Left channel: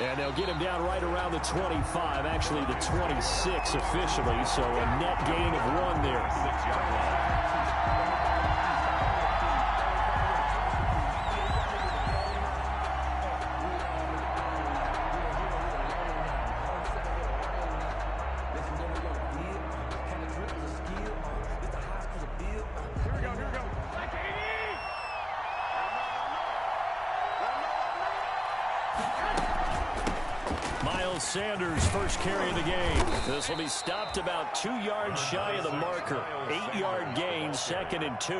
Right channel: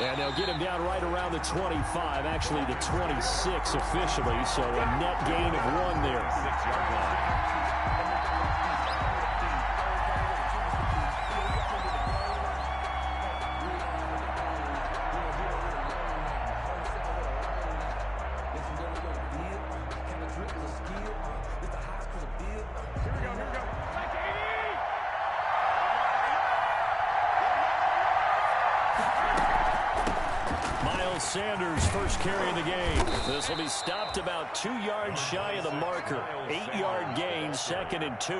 And they'll get him down right around the 25, actually the 26 officially, so a net gain of 1 there. 6-yard line. Sanders' first carry of the game. This will be stopped about 2 yards shy of the marker. 8-yard gain, 2nd and 2.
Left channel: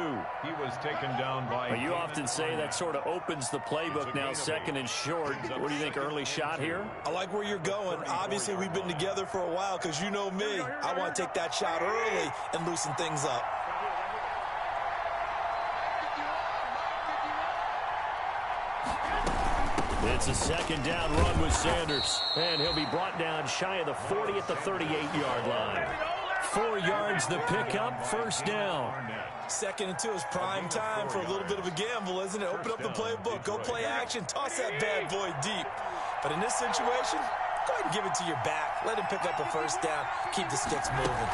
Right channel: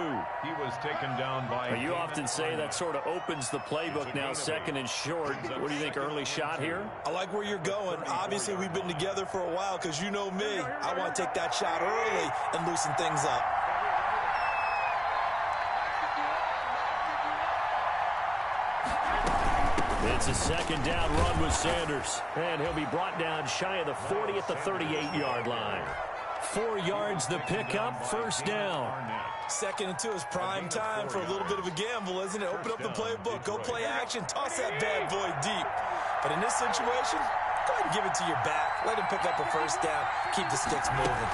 He was taken down by... You often say that sort of opens the playbook now, 2nd and short. What do you think, early shot here? I like where you're going. Obviously, we've been together for a while because you know me. I want to take that shot early and loosen things up. It's a 2nd down run with Sanders. And he'll be brought down shy of the 40 at the 38-yard line. 4 yards the pickup, 1st down. 2nd and 2 is prime time for a little bit of a gamble, isn't it? Open up the playbook, go play action, toss that bad boy deep. But in this situation, go ahead and give it to your back. Let him pick up a 1st down. Keep the sticks moving.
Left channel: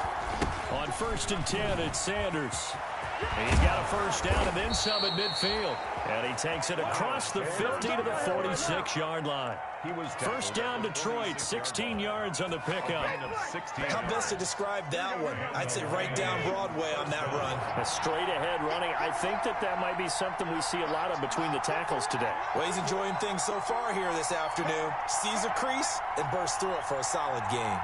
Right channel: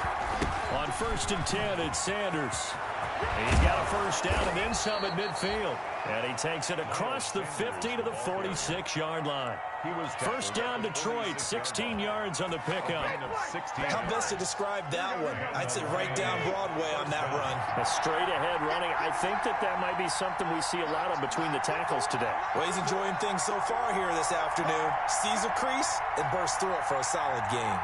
On 1st and 10, it's Sanders. And he's got a 1st down and then some at midfield. And he takes it across the 50 to the 46-yard line. 1st down Detroit, 16 yards on the pickup. How best to describe that one? I'd say right down Broadway on that run. A straight ahead running. I think that might be something we see a lot of between the tackles today. Well, he's enjoying things so far here this afternoon. Sees a crease and bursts through it for a solid gain.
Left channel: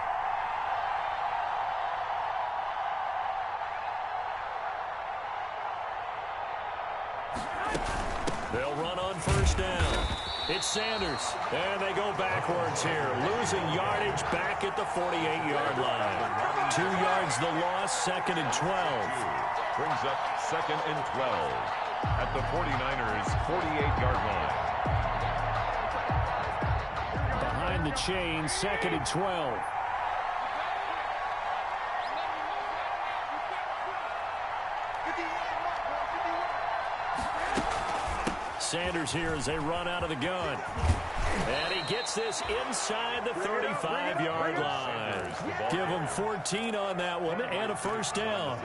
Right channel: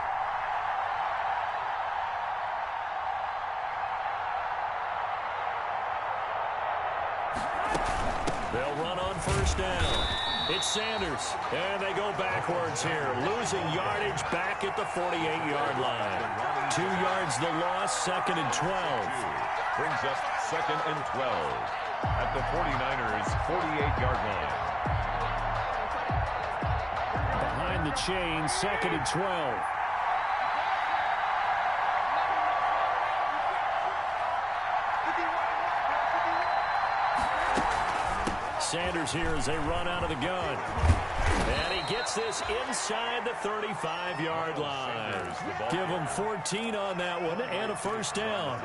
They'll run on 1st down. It's Sanders, and they go backwards here, losing yardage back at the 48-yard line. 2 yards the loss, 2nd and 12. Brings up 2nd and 12 at the 49ers' 48-yard line. Behind the chain, 2nd and 12. Sanders here as they run out of the gun. And he gets this inside the 35-yard line. Give him 14 on that one and a 1st down.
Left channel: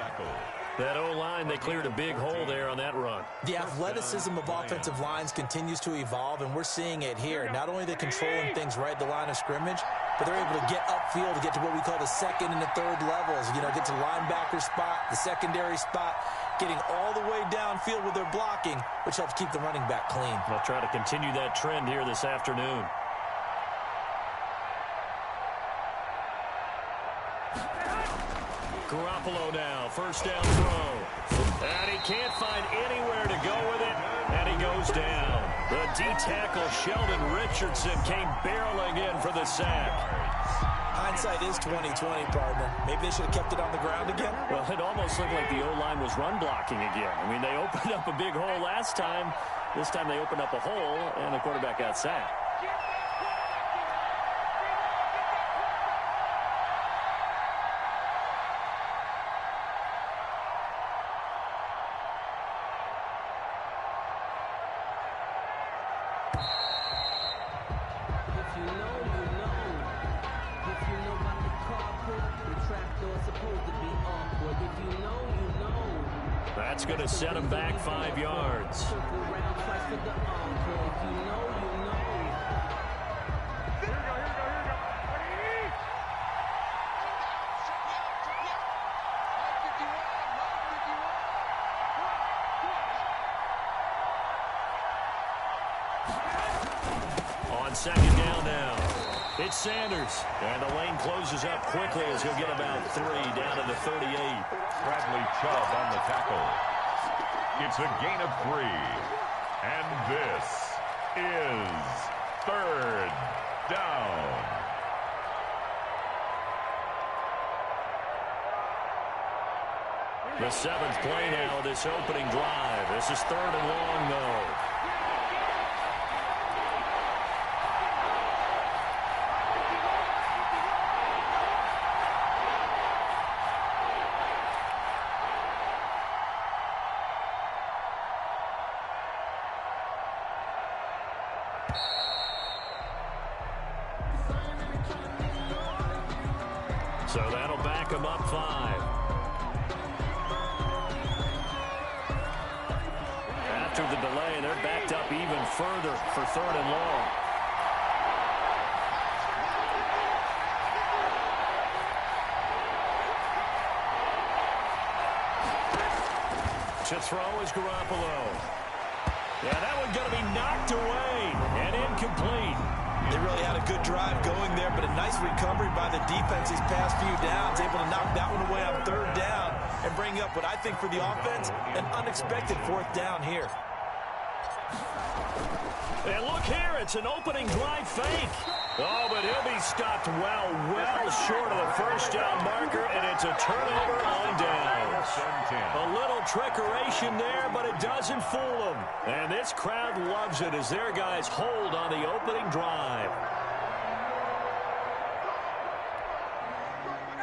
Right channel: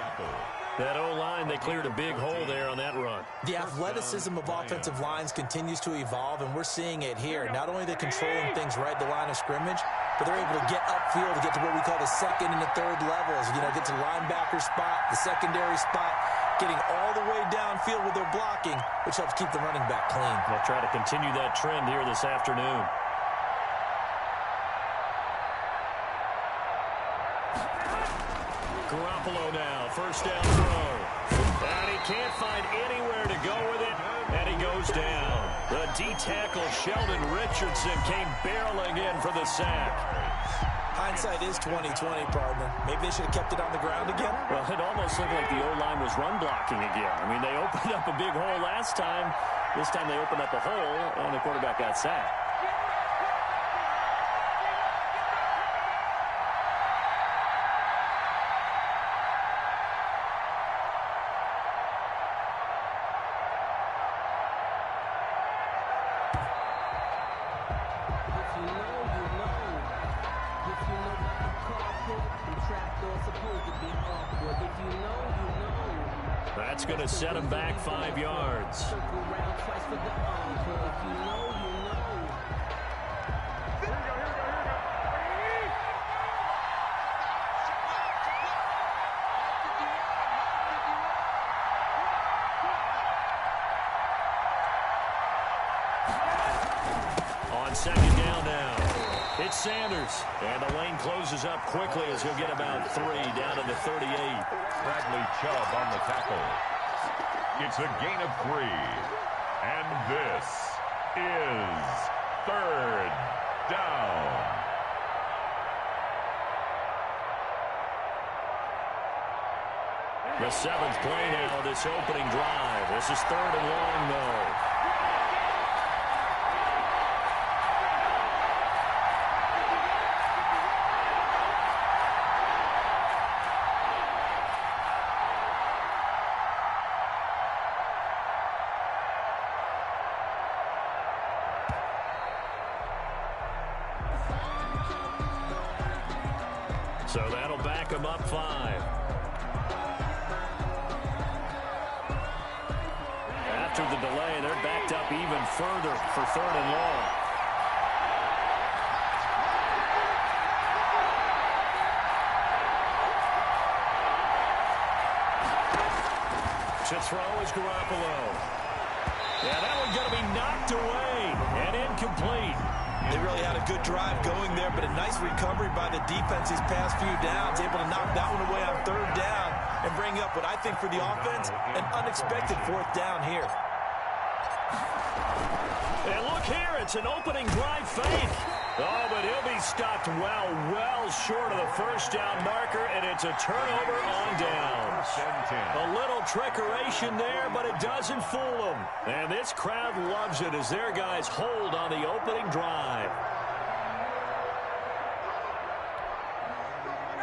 That O-line, they cleared a big hole there on that run. The athleticism of offensive lines continues to evolve, and we're seeing it here. Not only are they controlling things right at the line of scrimmage, but they're able to get upfield to get to what we call the 2nd and the 3rd levels. You know, get to the linebacker spot, the secondary spot, getting all the way downfield with their blocking, which helps keep the running back clean. They'll try to continue that trend here this afternoon. Garoppolo now, 1st down throw. And he can't find anywhere to go with it, and he goes down. The D-tackle, Sheldon Richardson, came barreling in for the sack. Hindsight is 20/20, partner. Maybe they should have kept it on the ground again. Well, it almost looked like the O-line was run blocking again. I mean, they opened up a big hole last time. This time they opened up a hole, and the quarterback got sacked. That's going to set him back 5 yards. On 2nd down now. It's Sanders. And the lane closes up quickly as he'll get about 3 down to the 38. Bradley Chubb on the tackle. It's a gain of 3. And this is 3rd down. The 7th play now of this opening drive. This is 3rd and long, though. So that'll back them up 5. After the delay, they're backed up even further for 3rd and long. To throw is Garoppolo. Yeah, that one's going to be knocked away and incomplete. They really had a good drive going there, but a nice recovery by the defense these past few downs, able to knock that one away on 3rd down and bring up what I think for the offense, an unexpected 4th down here. And look here, it's an opening drive fake. Oh, but he'll be stopped well short of the 1st down marker, and it's a turnover on downs. A little trickeration there, but it doesn't fool them. And this crowd loves it as their guys hold on the opening drive.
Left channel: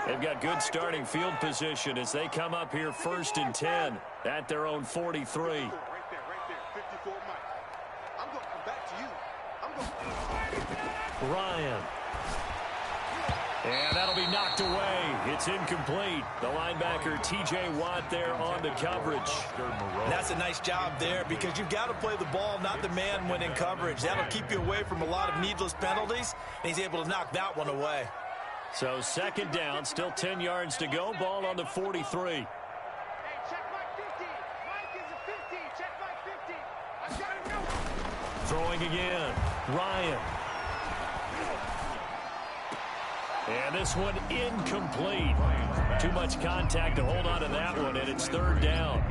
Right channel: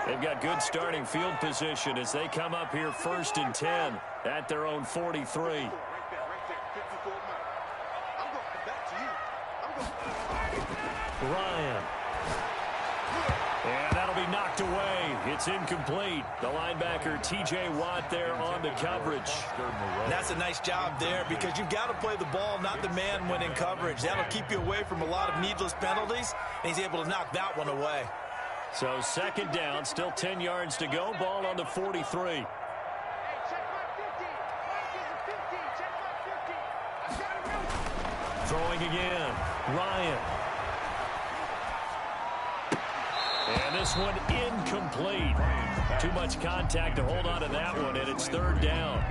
They've got good starting field position as they come up here 1st and 10 at their own 43. Right there, 54 Mike. I'm going to come back to you. Ryan. And that'll be knocked away. It's incomplete. The linebacker, T.J. Watt, there on the coverage. That's a nice job there because you've got to play the ball, not the man when in coverage. That'll keep you away from a lot of needless penalties, and he's able to knock that one away. So 2nd down, still 10 yards to go. Ball on the 43. Hey, check Mike 50. Mike is a 50. Check Mike 50. I got him going. Throwing again. Ryan. And this one incomplete. Too much contact to hold on to that one, and it's 3rd down.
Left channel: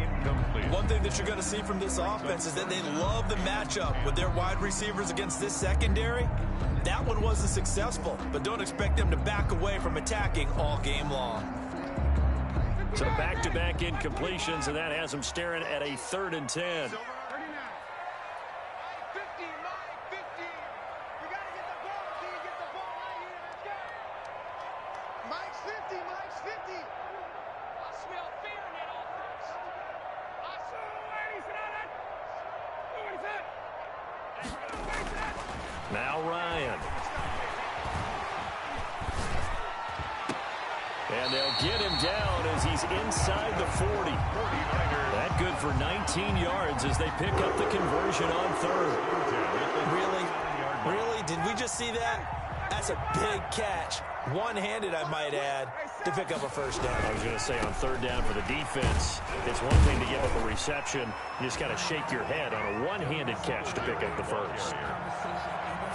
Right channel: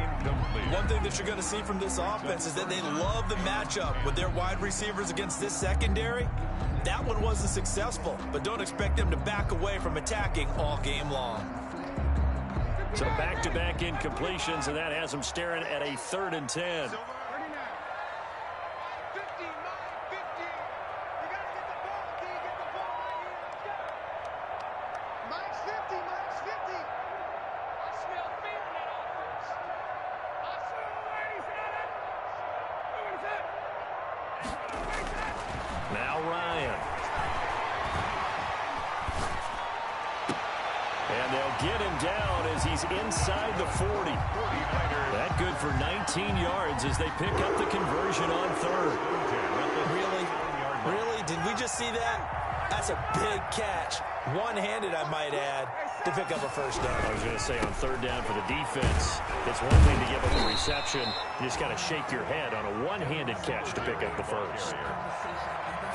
One thing that you're going to see from this offense is that they love the matchup with their wide receivers against this secondary. That one wasn't successful, but don't expect them to back away from attacking all game long. So back-to-back incompletions, and that has them staring at a 3rd and 10. Now Ryan. And they'll get him down as he's inside the 40. That good for 19 yards as they pick up the conversion on 3rd. Really? Did we just see that? That's a big catch. One-handed, I might add, to pick up a 1st down. I was going to say on 3rd down for the defense, it's one thing to give up a reception. You just got to shake your head on a one-handed catch to pick up the 1st.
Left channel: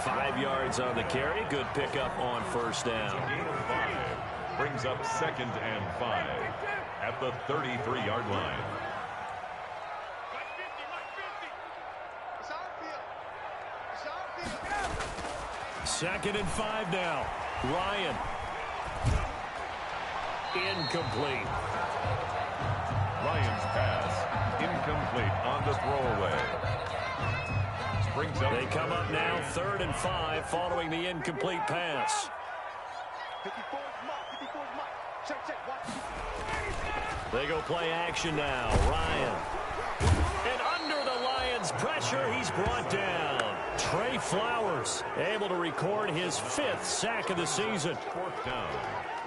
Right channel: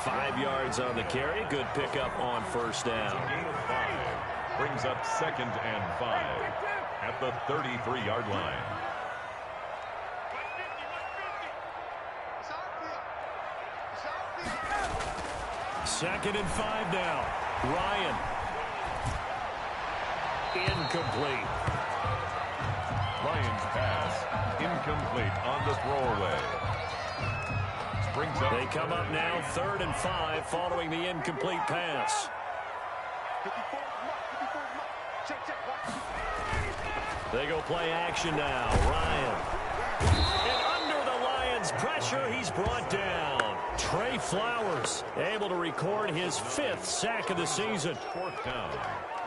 5 yards on the carry. Good pickup on 1st down. Gain of 5 brings up 2nd and 5 at the 33-yard line. Mike 50. It's our field. It's our field. 2nd and 5 now. Ryan. Incomplete. Ryan's pass incomplete on the throwaway. They come up now 3rd and 5 following the incomplete pass. 54 Mike. Check. Watch. They go play action now. Ryan. And under the Lions' pressure, he's brought down. Trey Flowers able to record his 5th sack of the season. 4th down.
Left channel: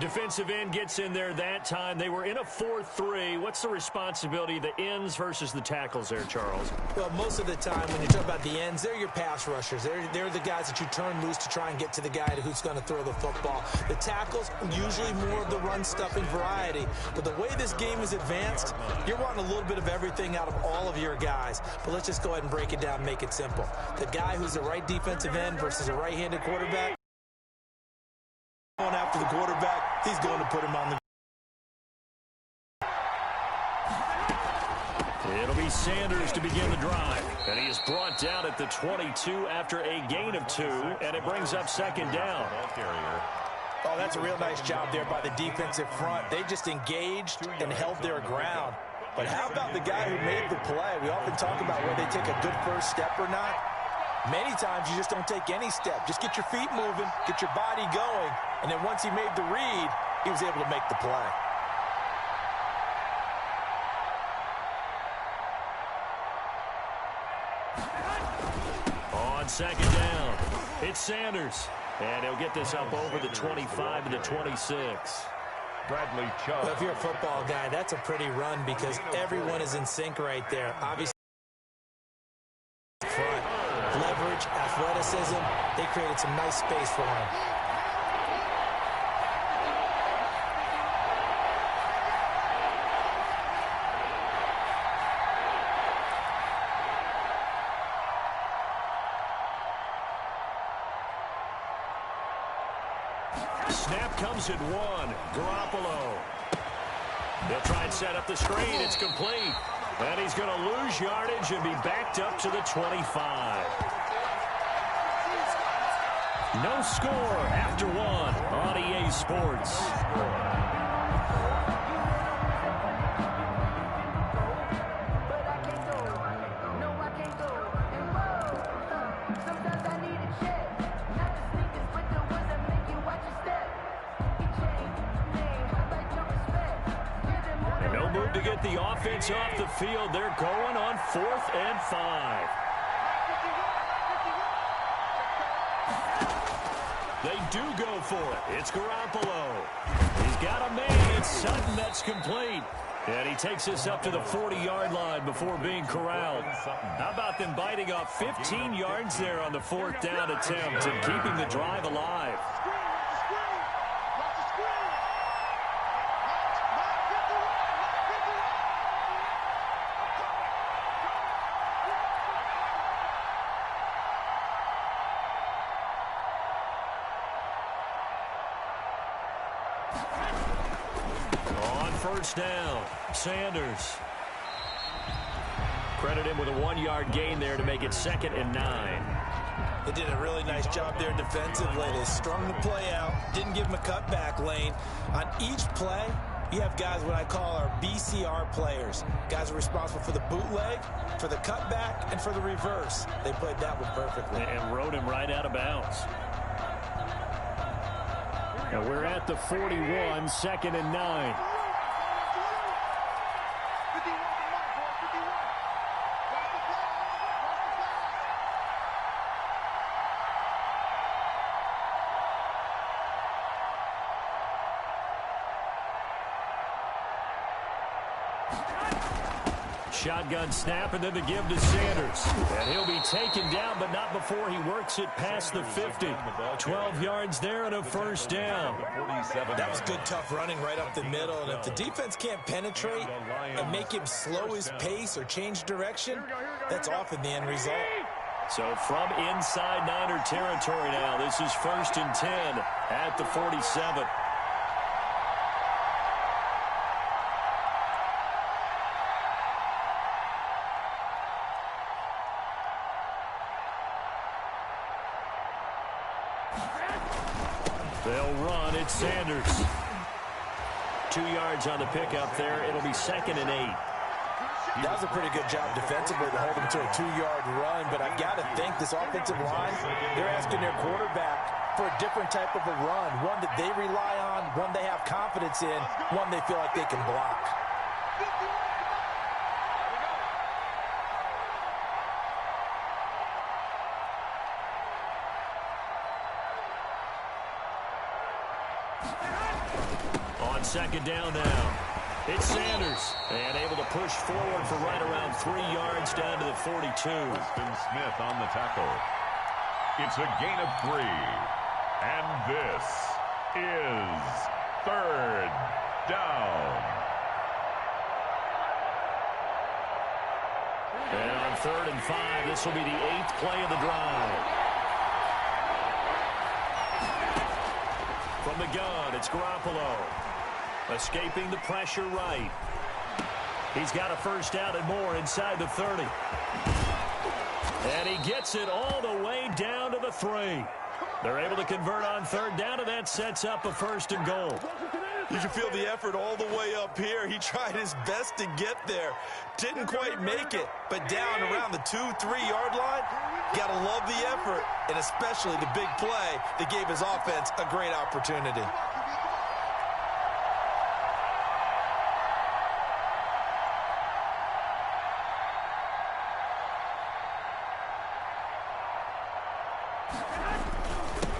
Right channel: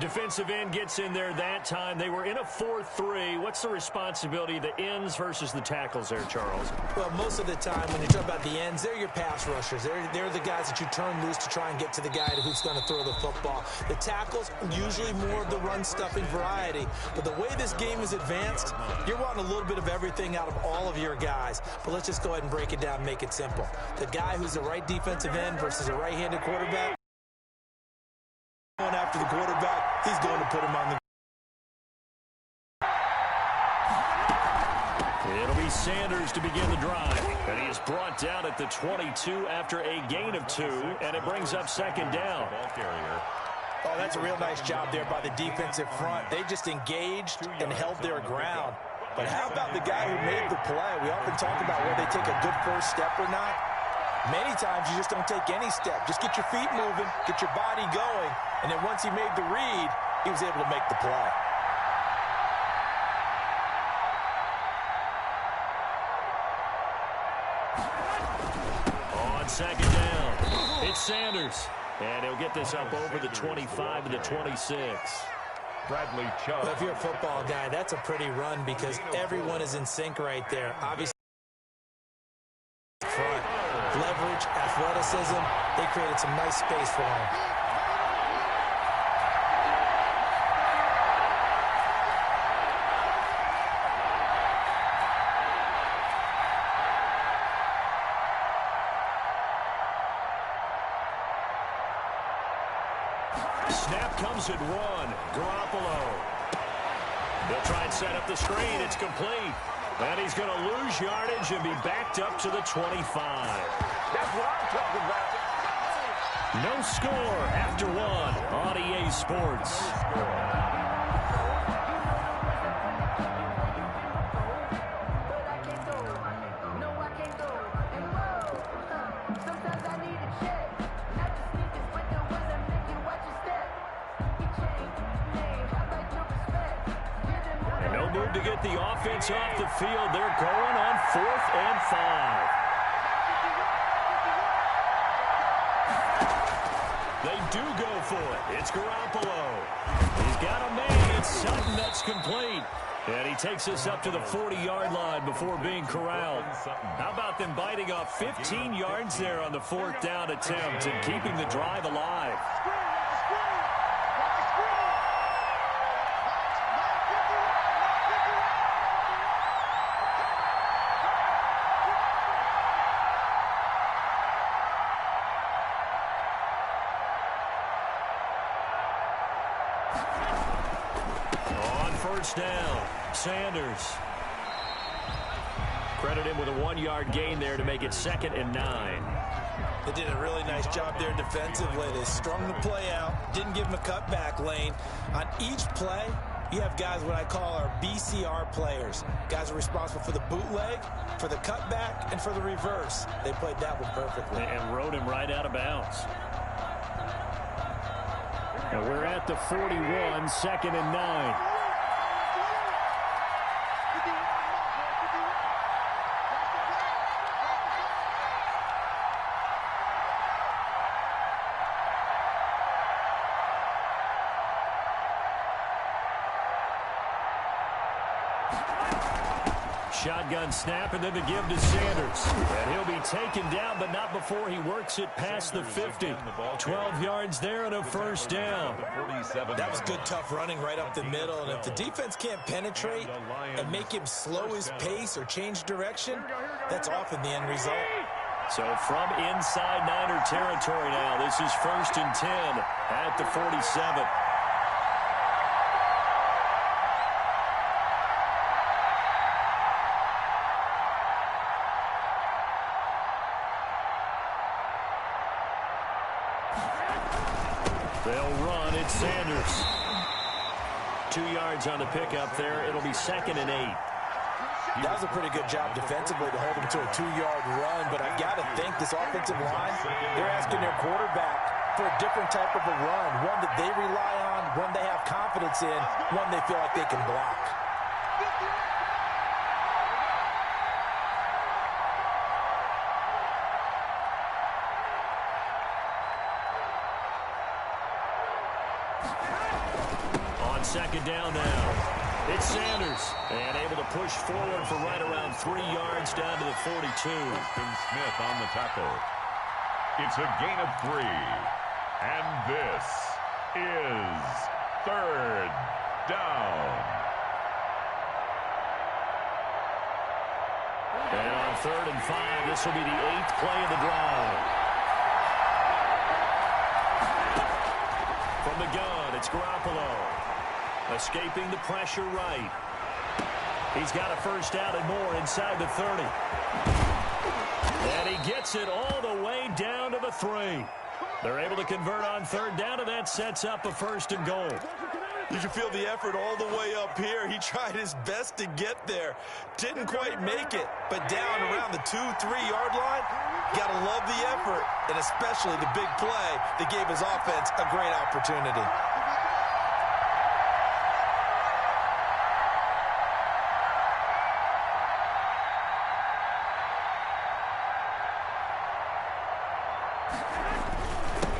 Defensive end gets in there that time. They were in a 4-3. What's the responsibility of the ends versus the tackles there, Charles? Well, most of the time when you talk about the ends, they're your pass rushers. They're the guys that you turn loose to try and get to the guy who's going to throw the football. The tackles, usually more of the run-stuffing variety. But the way this game is advanced, you're wanting a little bit of everything out of all of your guys. But let's just go ahead and break it down and make it simple. The guy who's the right defensive end versus a right-handed quarterback, going after the quarterback, he's going to put him on the. It'll be Sanders to begin the drive. And he is brought down at the 22 after a gain of 2, and it brings up 2nd down. Ball carrier. Oh, that's a real nice job there by the defensive front. They just engaged and held their ground. But how about the guy who made the play? We often talk about whether they take a good first step or not. Many times you just don't take any step. Just get your feet moving, get your body going, and then once he made the read, he was able to make the play. On 2nd down, it's Sanders. And he'll get this up over the 25 to the 26. Bradley Chubb. Well, if you're a football guy, that's a pretty run because everyone is in sync right there. Obviously, front, leverage, athleticism, they created some nice space for him. Snap comes at one. Garoppolo. They'll try and set up the screen. It's complete. And he's going to lose yardage and be backed up to the 25. No score after one on EA Sports. To get the offense off the field, they're going on 4th and 5. They do go for it. It's Garoppolo. He's got a man. It's Sutton. That's complete. And he takes us up to the 40-yard line before being corralled. How about them biting off 15 yards there on the 4th down attempt and keeping the drive alive? On first down, Sanders. Credit him with a 1-yard gain there to make it 2nd and 9. They did a really nice job there defensively. They strung the play out, didn't give him a cutback lane. On each play, you have guys what I call our BCR players. Guys are responsible for the bootleg, for the cutback, and for the reverse. They played that one perfectly. And rode him right out of bounds. And we're at the 41, 2nd and 9. Shotgun snap, and then the give to Sanders. And he'll be taken down, but not before he works it past the 50. 12 yards there and a first down. That was good, tough running right up the middle. And if the defense can't penetrate and make him slow his pace or change direction, that's often the end result. So from inside Niner territory now, this is 1st and 10 at the 47. They'll run. It's Sanders. 2 yards on the pickup there. It'll be 2nd and 8. That was a pretty good job defensively to hold him to a 2-yard run, but I got to think this offensive line, they're asking their quarterback for a different type of a run, one that they rely on, one they have confidence in, one they feel like they can block. On 2nd down now. It's Sanders, and able to push forward for right around 3 yards down to the 42. Preston Smith on the tackle. It's a gain of 3. And this is 3rd down. And on 3rd and 5, this will be the 8th play of the drive. From the gun, it's Garoppolo. Escaping the pressure right. He's got a first down and more inside the 30. And he gets it all the way down to the 3. They're able to convert on 3rd down, and that sets up a 1st and goal. You can feel the effort all the way up here. He tried his best to get there. Didn't quite make it, but down around the 2-3-yard line, got to love the effort, and especially the big play that gave his offense a great opportunity.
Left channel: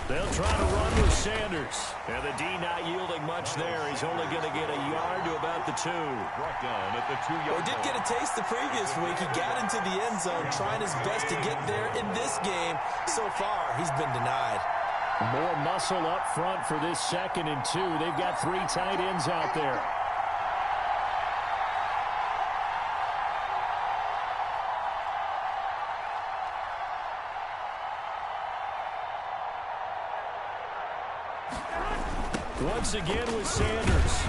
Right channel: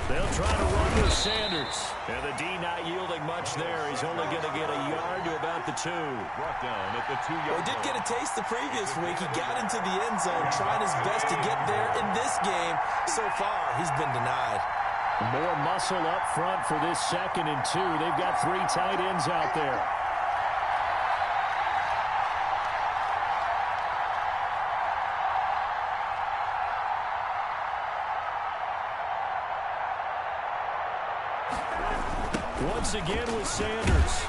They'll Trying to run with Sanders. And the D not yielding much there. He's only going to get a yard to about the 2. Brought down at the 2-yard line. He did get a taste the previous week. He got into the end zone, trying his best to get there in this game. So far, he's been denied. More muscle up front for this 2nd and 2. They've got 3 tight ends out there. Once again with Sanders.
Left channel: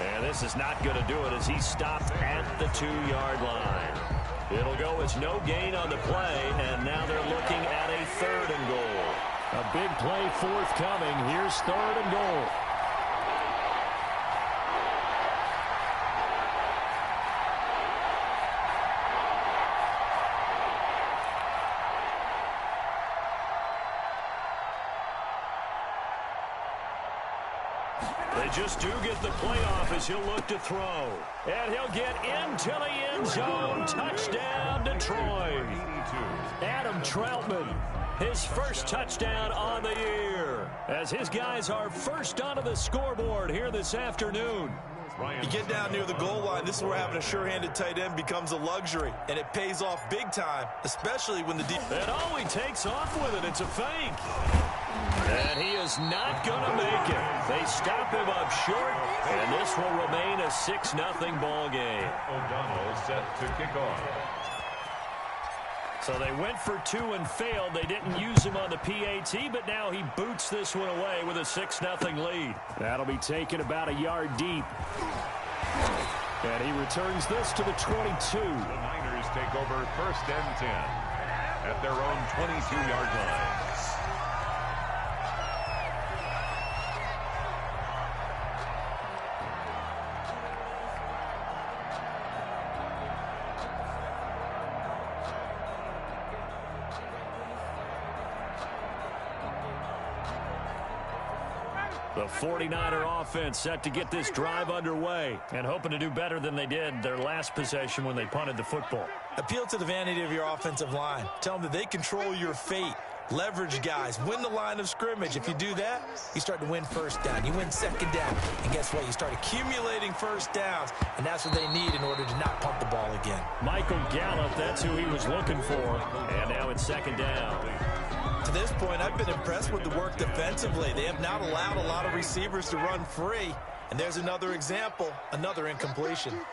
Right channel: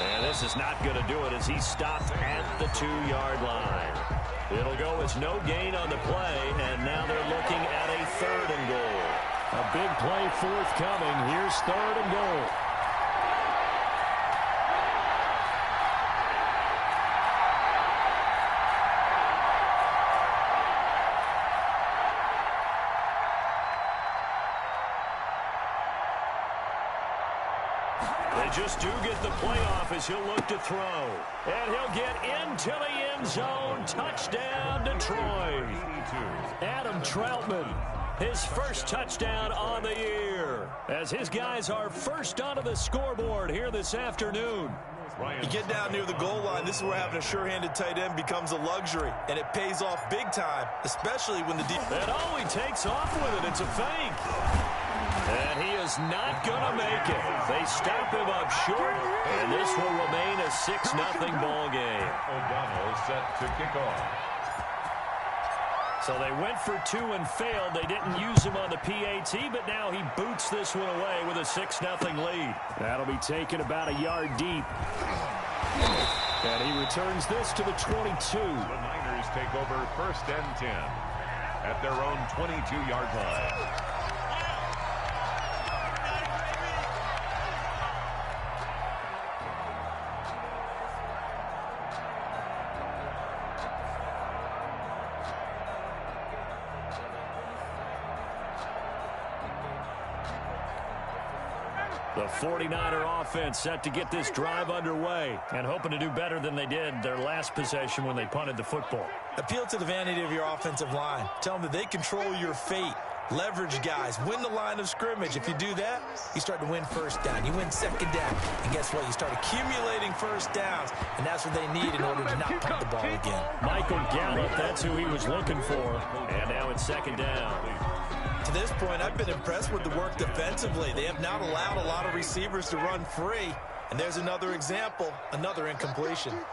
And this is not going to do it as he stopped at the 2-yard line. It'll go as no gain on the play, and now they're looking at a 3rd and goal. A big play forthcoming. Here's 3rd and goal. They just do get the playoff as he'll look to throw. And he'll get into the end zone. Touchdown, Detroit. Adam Troutman, his first touchdown on the year. As his guys are first onto the scoreboard here this afternoon. You get down near the goal line, this is where having a sure-handed tight end becomes a luxury. And it pays off big time, especially when the defense... And all he takes off with it, it's a fake. And he is not going to make it. They stop him up short, and this will remain a 6-0 ball game. O'Donnell set to kick off. So they went for 2 and failed. They didn't use him on the PAT, but now he boots this one away with a 6-0 lead. That'll be taken about a yard deep. And he returns this to the 22. The Niners take over 1st and 10 at their own 22-yard line. The 49er offense set to get this drive underway and hoping to do better than they did their last possession when they punted the football. Appeal to the vanity of your offensive line. Tell them that they control your fate. Leverage guys. Win the line of scrimmage. If you do that, you start to win 1st down. You win 2nd down. And guess what? You start accumulating 1st downs. And that's what they need in order to not punt the ball again. Michael Gallup, that's who he was looking for. And now it's 2nd down. To this point, I've been impressed with the work defensively. They have not allowed a lot of receivers to run free. And there's another example, another incompletion. 21.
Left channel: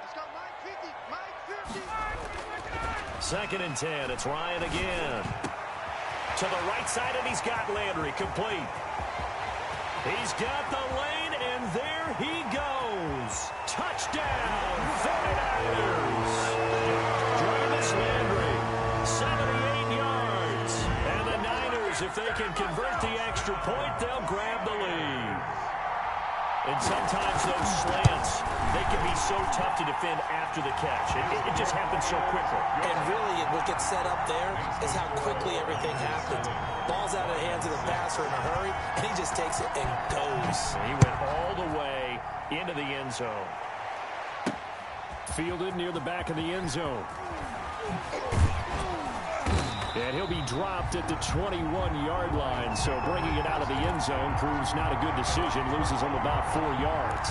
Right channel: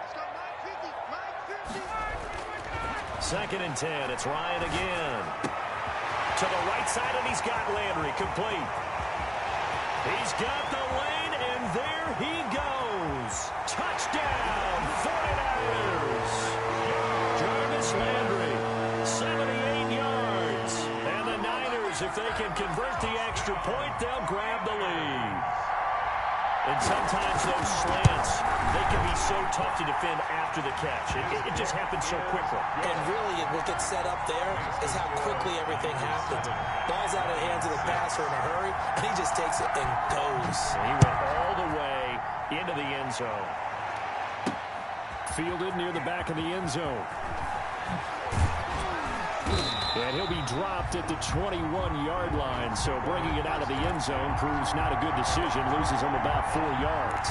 Let's go, Mike 50. Mike 50. 2nd and 10. It's Ryan again. To the right side, and he's got Landry complete. He's got the lane, and there he goes. Touchdown, 49ers. Jarvis Landry, 78 yards. And the Niners, if they can convert the extra point, they'll grab the lead. And sometimes those slants, they can be so tough to defend after the catch. It just happens so quickly. And really, what gets set up there is how quickly everything happens. Ball's out of the hands of the passer in a hurry, and he just takes it and goes. And he went all the way into the end zone. Fielded near the back of the end zone. And he'll be dropped at the 21-yard line, so bringing it out of the end zone proves not a good decision. Loses him about 4 yards.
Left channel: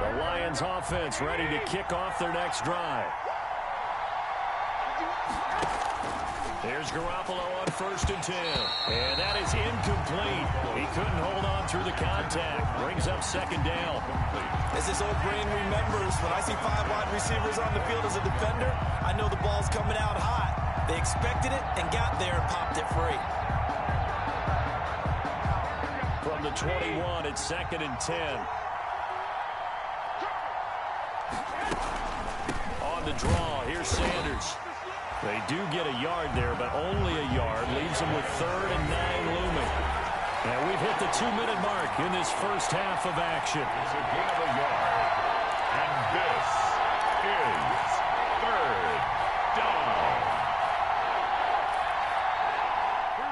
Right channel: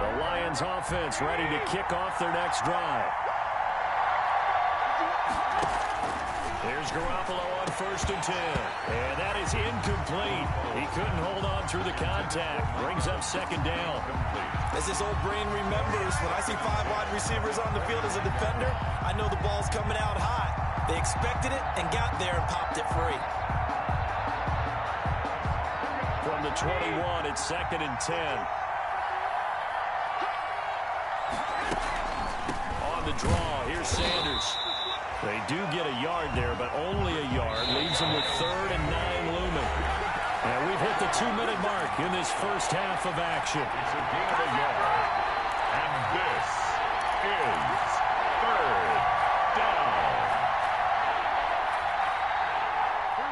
The Lions offense ready to kick off their next drive. There's Garoppolo on 1st and 10. And that is incomplete. He couldn't hold on through the contact. Brings up 2nd down. As his old brain remembers, when I see 5 wide receivers on the field as a defender, I know the ball's coming out hot. They expected it and got there and popped it free. From the 21, it's 2nd and 10. On the draw, here's Sanders. They do get a yard there, but only a yard. Leaves them with 3rd and 9 looming. And we've hit the 2-minute mark in this first half of action. It's a gain of a yard. And this is 3rd down.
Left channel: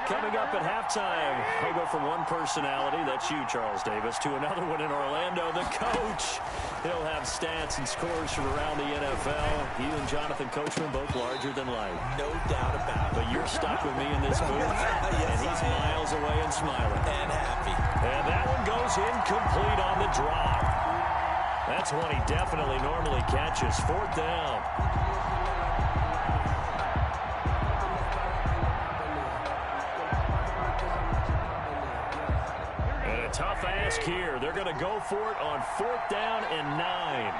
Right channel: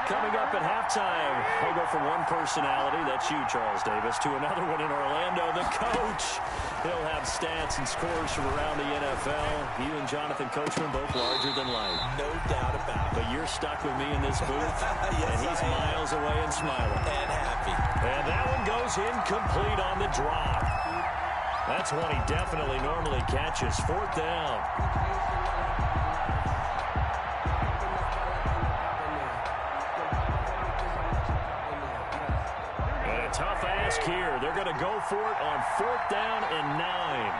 Coming up at halftime, he'll go from one personality, that's you, Charles Davis, to another one in Orlando, the coach. He'll have stats and scores from around the NFL. You and Jonathan Coachman both larger than life. No doubt about it. But you're stuck with me in this booth, yes, and he's miles away and smiling. And happy. And that one goes incomplete on the drop. That's one he definitely normally catches. Fourth down. Tough ask here. They're going to go for it on 4th down and 9.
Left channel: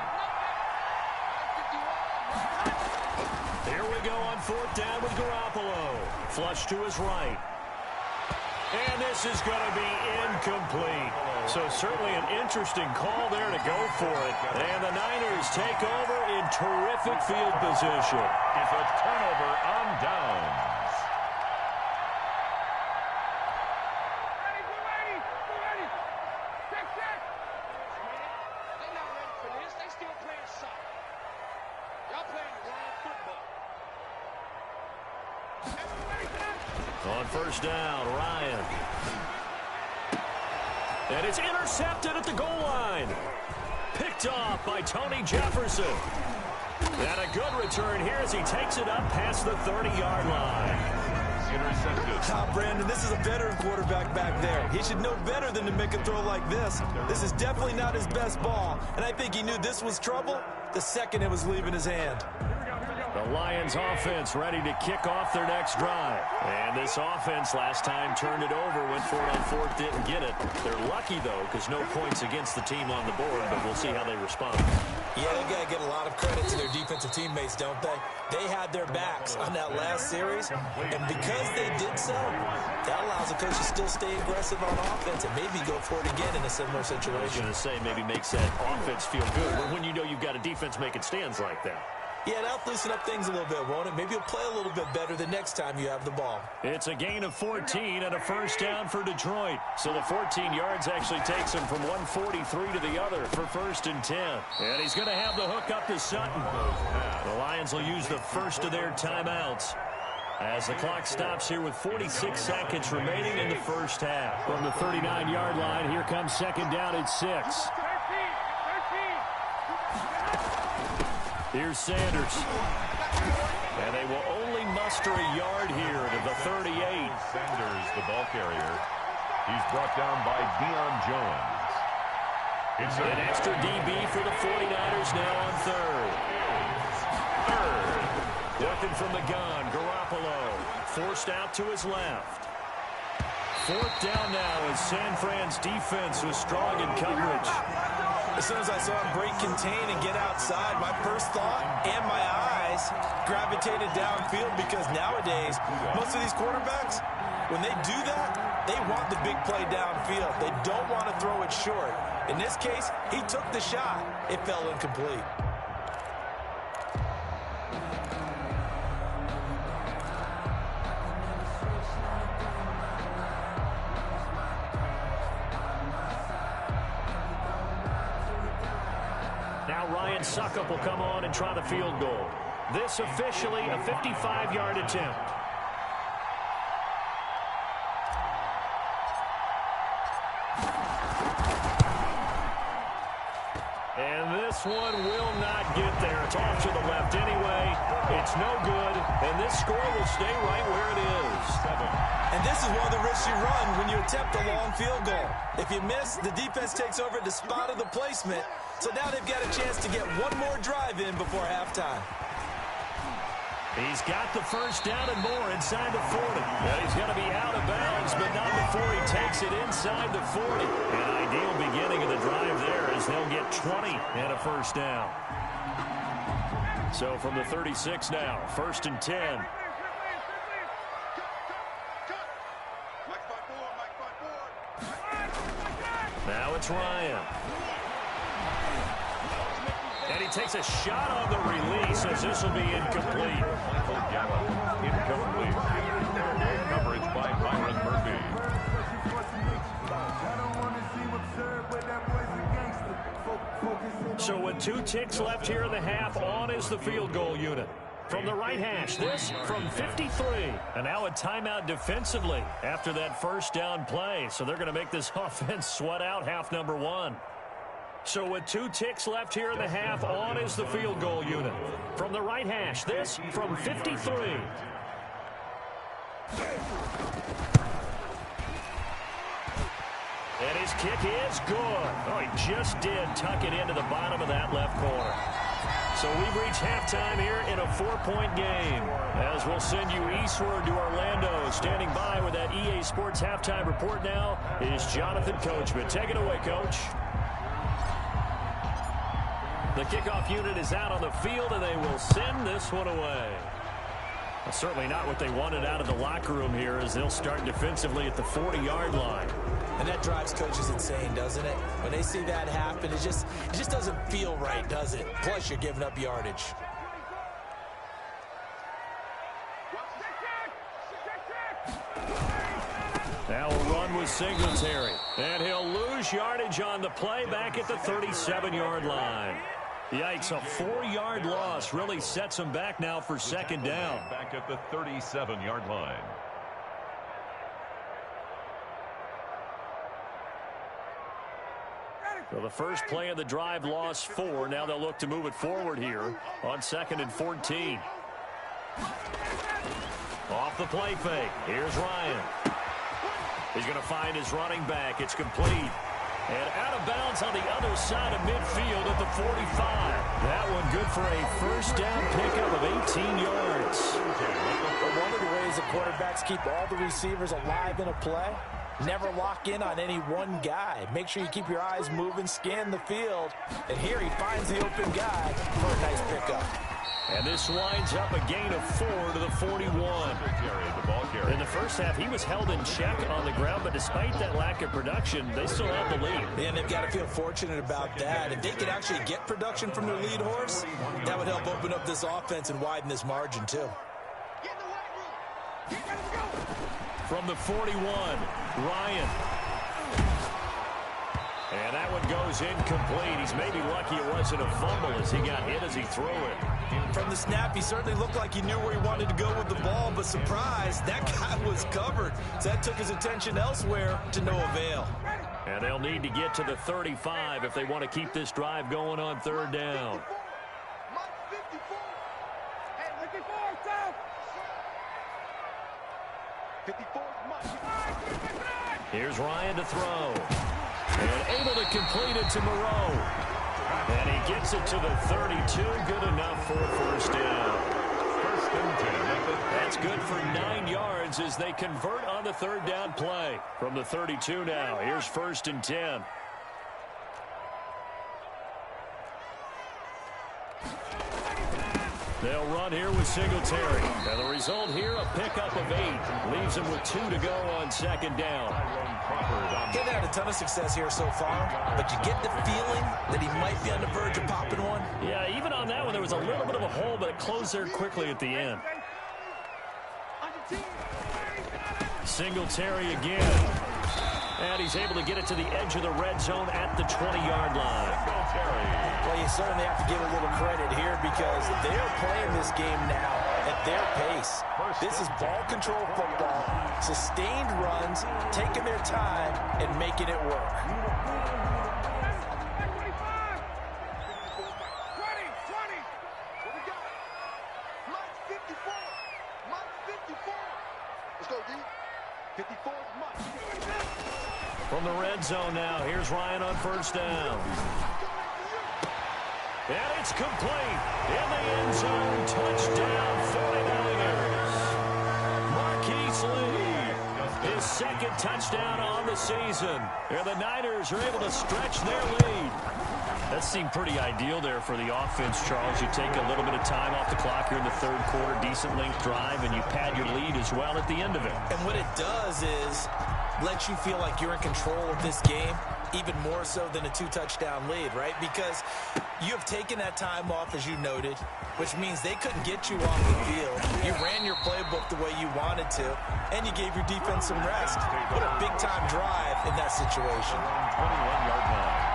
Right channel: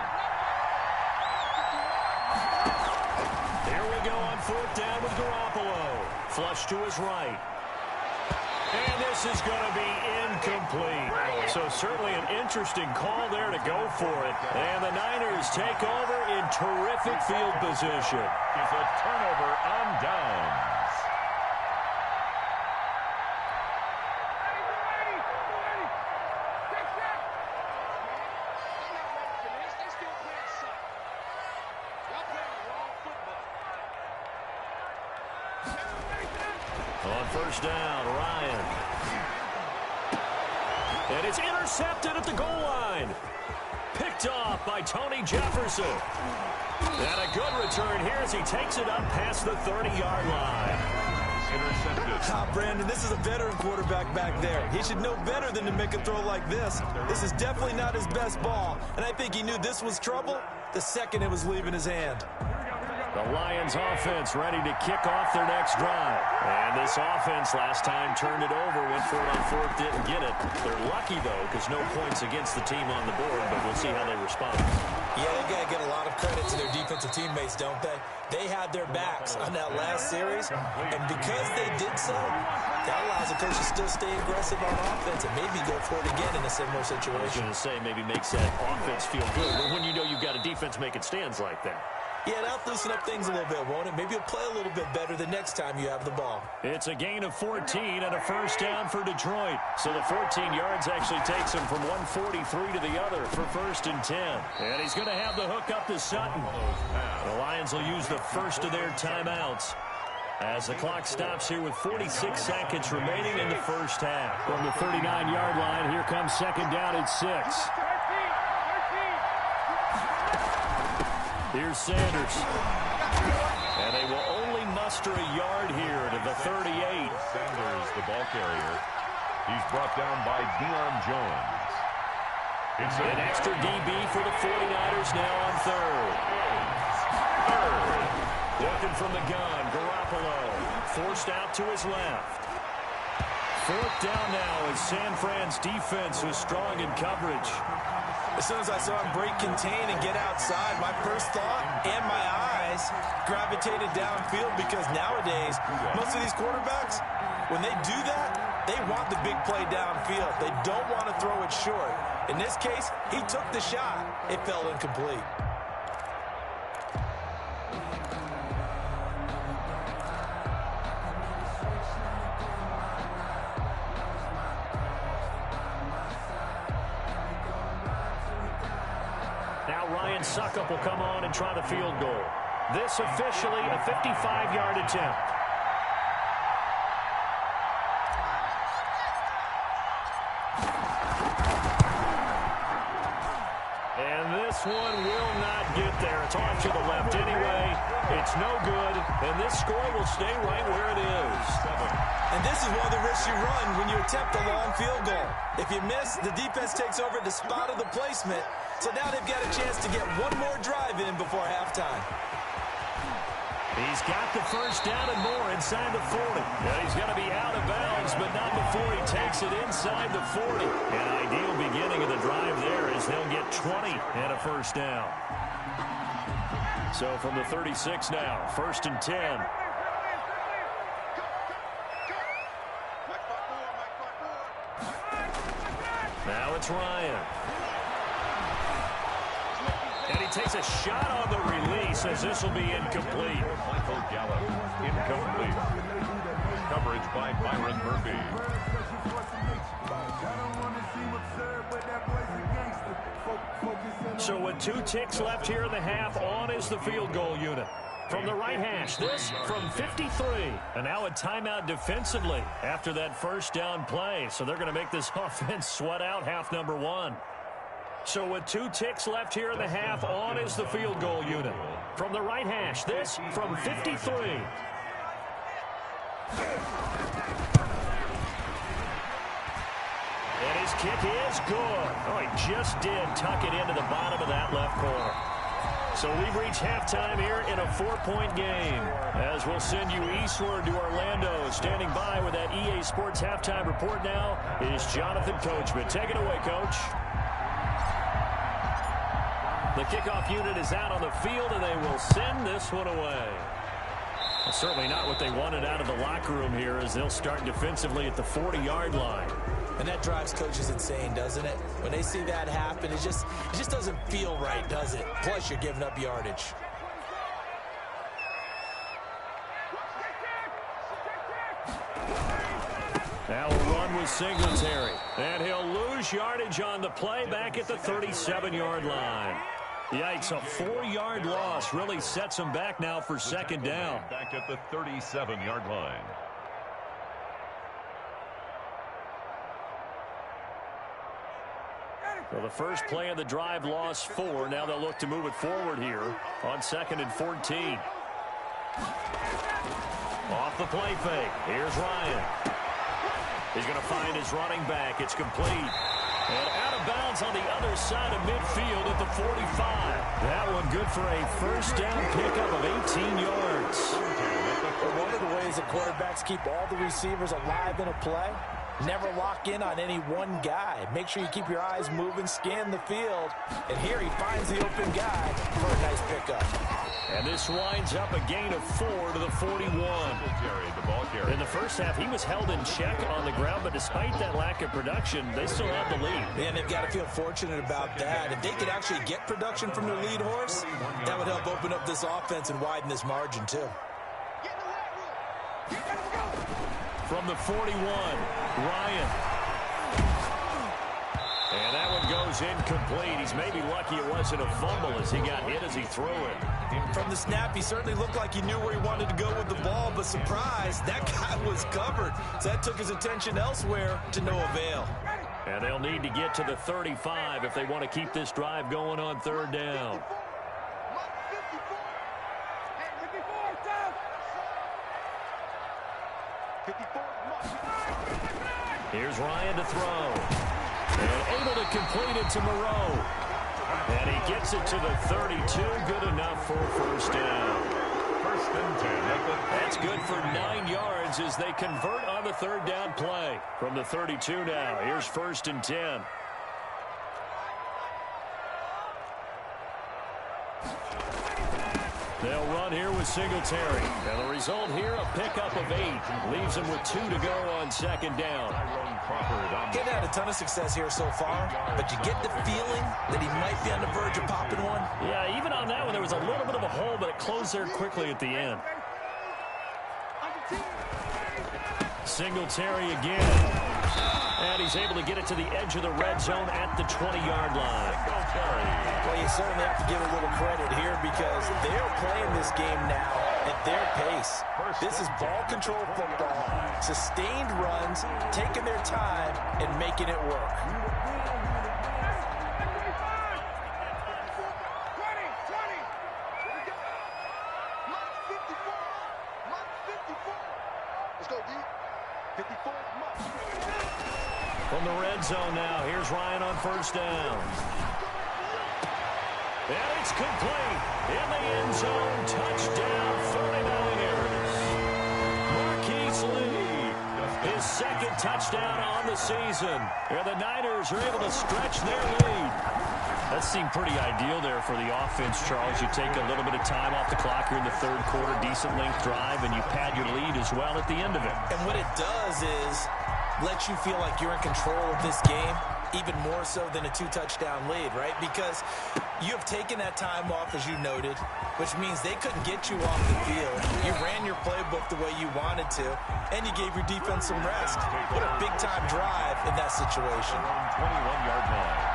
Here we go on 4th down with Garoppolo. Flush to his right. And this is going to be incomplete. So certainly an interesting call there to go for it. And the Niners take over in terrific field position. It's a turnover on downs. On 1st down, Ryan. And it's intercepted at the goal line. Picked off by Tony Jefferson. And a good return here as he takes it up past the 30-yard line. Intercepted. Brandon, this is a veteran quarterback back there. He should know better than to make a throw like this. This is definitely not his best ball, and I think he knew this was trouble the second it was leaving his hand. The Lions offense ready to kick off their next drive. And this offense last time turned it over, went for it on 4th, didn't get it. They're lucky, though, because no points against the team on the board, but we'll see how they respond. Yeah, they got to get a lot of credit to their defensive teammates, don't they? They had their backs on that last series, and because they did so, that allows the coach to still stay aggressive on offense and maybe go for it again in a similar situation. I was going to say maybe makes that offense feel good when you know you've got a defense making stands like that. Yeah, that'll loosen up things a little bit, won't it? Maybe you'll play a little bit better the next time you have the ball. It's a gain of 14 and a 1st down for Detroit. So the 14 yards actually takes him from 143 to the other for 1st and 10. And he's going to have the hook up to Sutton. The Lions will use the first of their timeouts as the clock stops here with 46 seconds remaining in the 1st half. From the 39-yard line, here comes 2nd down at 6. Here's Sanders. And they will only muster a yard here to the 38. Sanders, the ball carrier. He's brought down by Deion Jones. It's an extra DB for the 49ers now on 3rd. Working from the gun, Garoppolo. Forced out to his left. 4th down now as San Fran's defense was strong in coverage. As soon as I saw him break contain and get outside, my first thought and my eyes gravitated downfield because nowadays, most of these quarterbacks, when they do that, they want the big play downfield. They don't want to throw it short. In this case, he took the shot. It fell incomplete. Now Ryan Suckup will come on and try the field goal. This officially a 55-yard attempt. And this one will not get there. It's off to the left anyway. It's no good, and this score will stay right where it is. And this is one of the risks you run when you attempt a long field goal. If you miss, the defense takes over at the spot of the placement. So now they've got a chance to get one more drive in before halftime. He's got the 1st down and more inside the 40. And he's going to be out of bounds, but not before he takes it inside the 40. An ideal beginning of the drive there as they'll get 20 and a 1st down. So from the 36 now, 1st and 10. Now it's Ryan. And he takes a shot on the release as this will be incomplete. Michael Gallup, incomplete. Coverage by Byron Murphy. So with 2 ticks left here in the half, on is the field goal unit. From the right hash, this from 53. And now a timeout defensively after that first down play. So they're going to make this offense sweat out half number one. So with 2 ticks left here in the half, on is the field goal unit. From the right hash, this from 53. And his kick is good. Oh, he just did tuck it into the bottom of that left corner. So we've reached halftime here in a 4-point game. As we'll send you eastward to Orlando. Standing by with that EA Sports halftime report now is Jonathan Coachman. Take it away, Coach. The kickoff unit is out on the field, and they will send this one away. Well, certainly not what they wanted out of the locker room here, as they'll start defensively at the 40-yard line. And that drives coaches insane, doesn't it? When they see that happen, it just doesn't feel right, does it? Plus, you're giving up yardage. Now a run with Singletary. And he'll lose yardage on the play back at the 37-yard line. Yikes, a 4-yard loss really sets him back now for second down. Back at the 37-yard line. So the first play of the drive lost 4. Now they'll look to move it forward here on 2nd and 14. Off the play fake. Here's Ryan. He's going to find his running back. It's complete. And out of bounds on the other side of midfield at the 45. That one good for a first down pickup of 18 yards. One of the ways that quarterbacks keep all the receivers alive in a play, never lock in on any one guy. Make sure you keep your eyes moving, scan the field. And here he finds the open guy for a nice pickup. And this winds up a gain of 4 to the 41. In the first half, he was held in check on the ground, but despite that lack of production, they still have the lead. Man, they've got to feel fortunate about that. If they could actually get production from their lead horse, that would help open up this offense and widen this margin, too. From the 41, Ryan. And that one goes incomplete. He's maybe lucky it wasn't a fumble as he got hit as he threw it. From the snap, he certainly looked like he knew where he wanted to go with the ball, but surprise, that guy was covered. So that took his attention elsewhere to no avail. And they'll need to get to the 35 if they want to keep this drive going on 3rd down. Here's Ryan to throw. And able to complete it to Moreau. And he gets it to the 32. Good enough for a first down. 1st and 10. That's good for 9 yards as they convert on the 3rd down play. From the 32 now, here's 1st and 10. They'll run here with Singletary. And the result here, a pickup of 8. Leaves them with 2 to go on 2nd down. He's had a ton of success here so far, but you get the feeling that he might be on the verge of popping one. Yeah, even on that one, there was a little bit of a hole, but it closed there quickly at the end. Singletary again. And he's able to get it to the edge of the red zone at the 20-yard line. Well, you certainly have to give a little credit here because they're playing this game now at their pace. This is ball control football, sustained runs, taking their time, and making it work. From the red zone now, here's Ryan on 1st down. And it's complete. In the end zone, touchdown 49ers. Marquise Lee, his 2nd touchdown on the season. And the Niners are able to stretch their lead. That seemed pretty ideal there for the offense, Charles. You take a little bit of time off the clock here in the 3rd quarter, decent length drive, and you pad your lead as well at the end of it. And what it does is let you feel like you're in control of this game, even more so than a 2-touchdown lead, right? Because you have taken that time off, as you noted, which means they couldn't get you off the field. You ran your playbook the way you wanted to, and you gave your defense some rest. What a big-time drive in that situation. 21-yard line.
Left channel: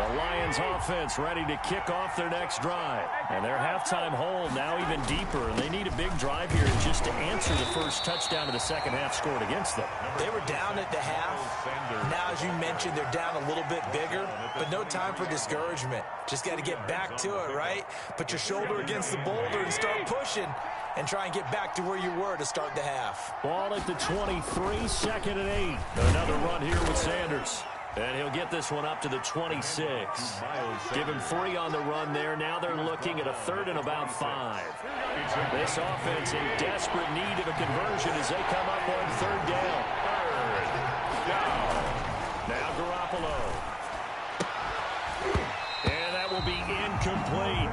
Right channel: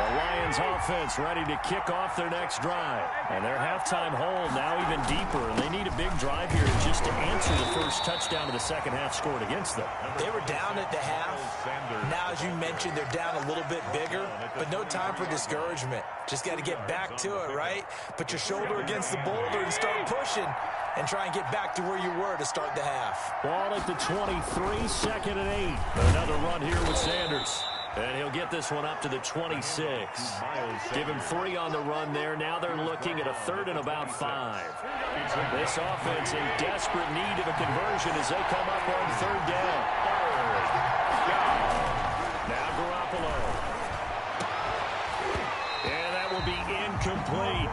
The Lions offense ready to kick off their next drive. And their halftime hole now even deeper. And they need a big drive here just to answer the first touchdown of the second half scored against them. They were down at the half. Now, as you mentioned, they're down a little bit bigger. But no time for discouragement. Just got to get back to it, right? Put your shoulder against the boulder and start pushing. And try and get back to where you were to start the half. Ball at the 23, 2nd and 8. Another run here with Sanders. And he'll get this one up to the 26. Give him 3 on the run there. Now they're looking at a 3rd and about 5. This offense in desperate need of a conversion as they come up on 3rd down. 3rd down. Now Garoppolo. And that will be incomplete.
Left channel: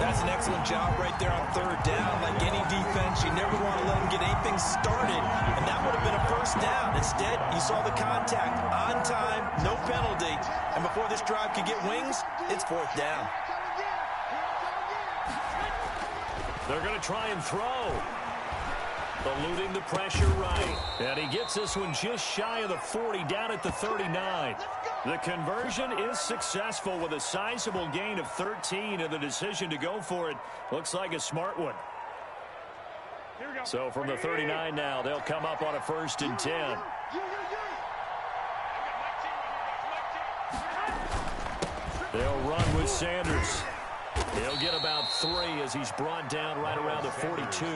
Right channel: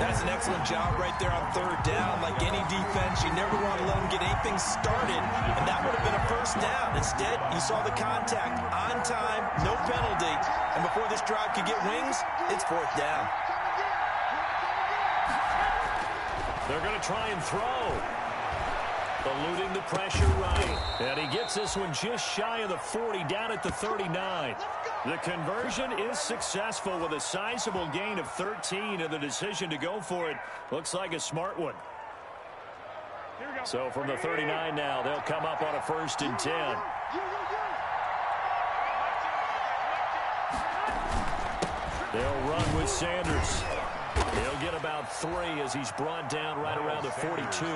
That's an excellent job right there on 3rd down. Like any defense, you never want to let them get anything started, and that would have been a 1st down. Instead, you saw the contact on time, no penalty, and before this drive could get wings, it's 4th down. They're going to try and throw. Eluding the pressure right. And he gets this one just shy of the 40, down at the 39. The conversion is successful with a sizable gain of 13, and the decision to go for it looks like a smart one. So from the 39 now, they'll come up on a 1st and 10. They'll run with Sanders. He'll get about 3 as he's brought down right around the 42.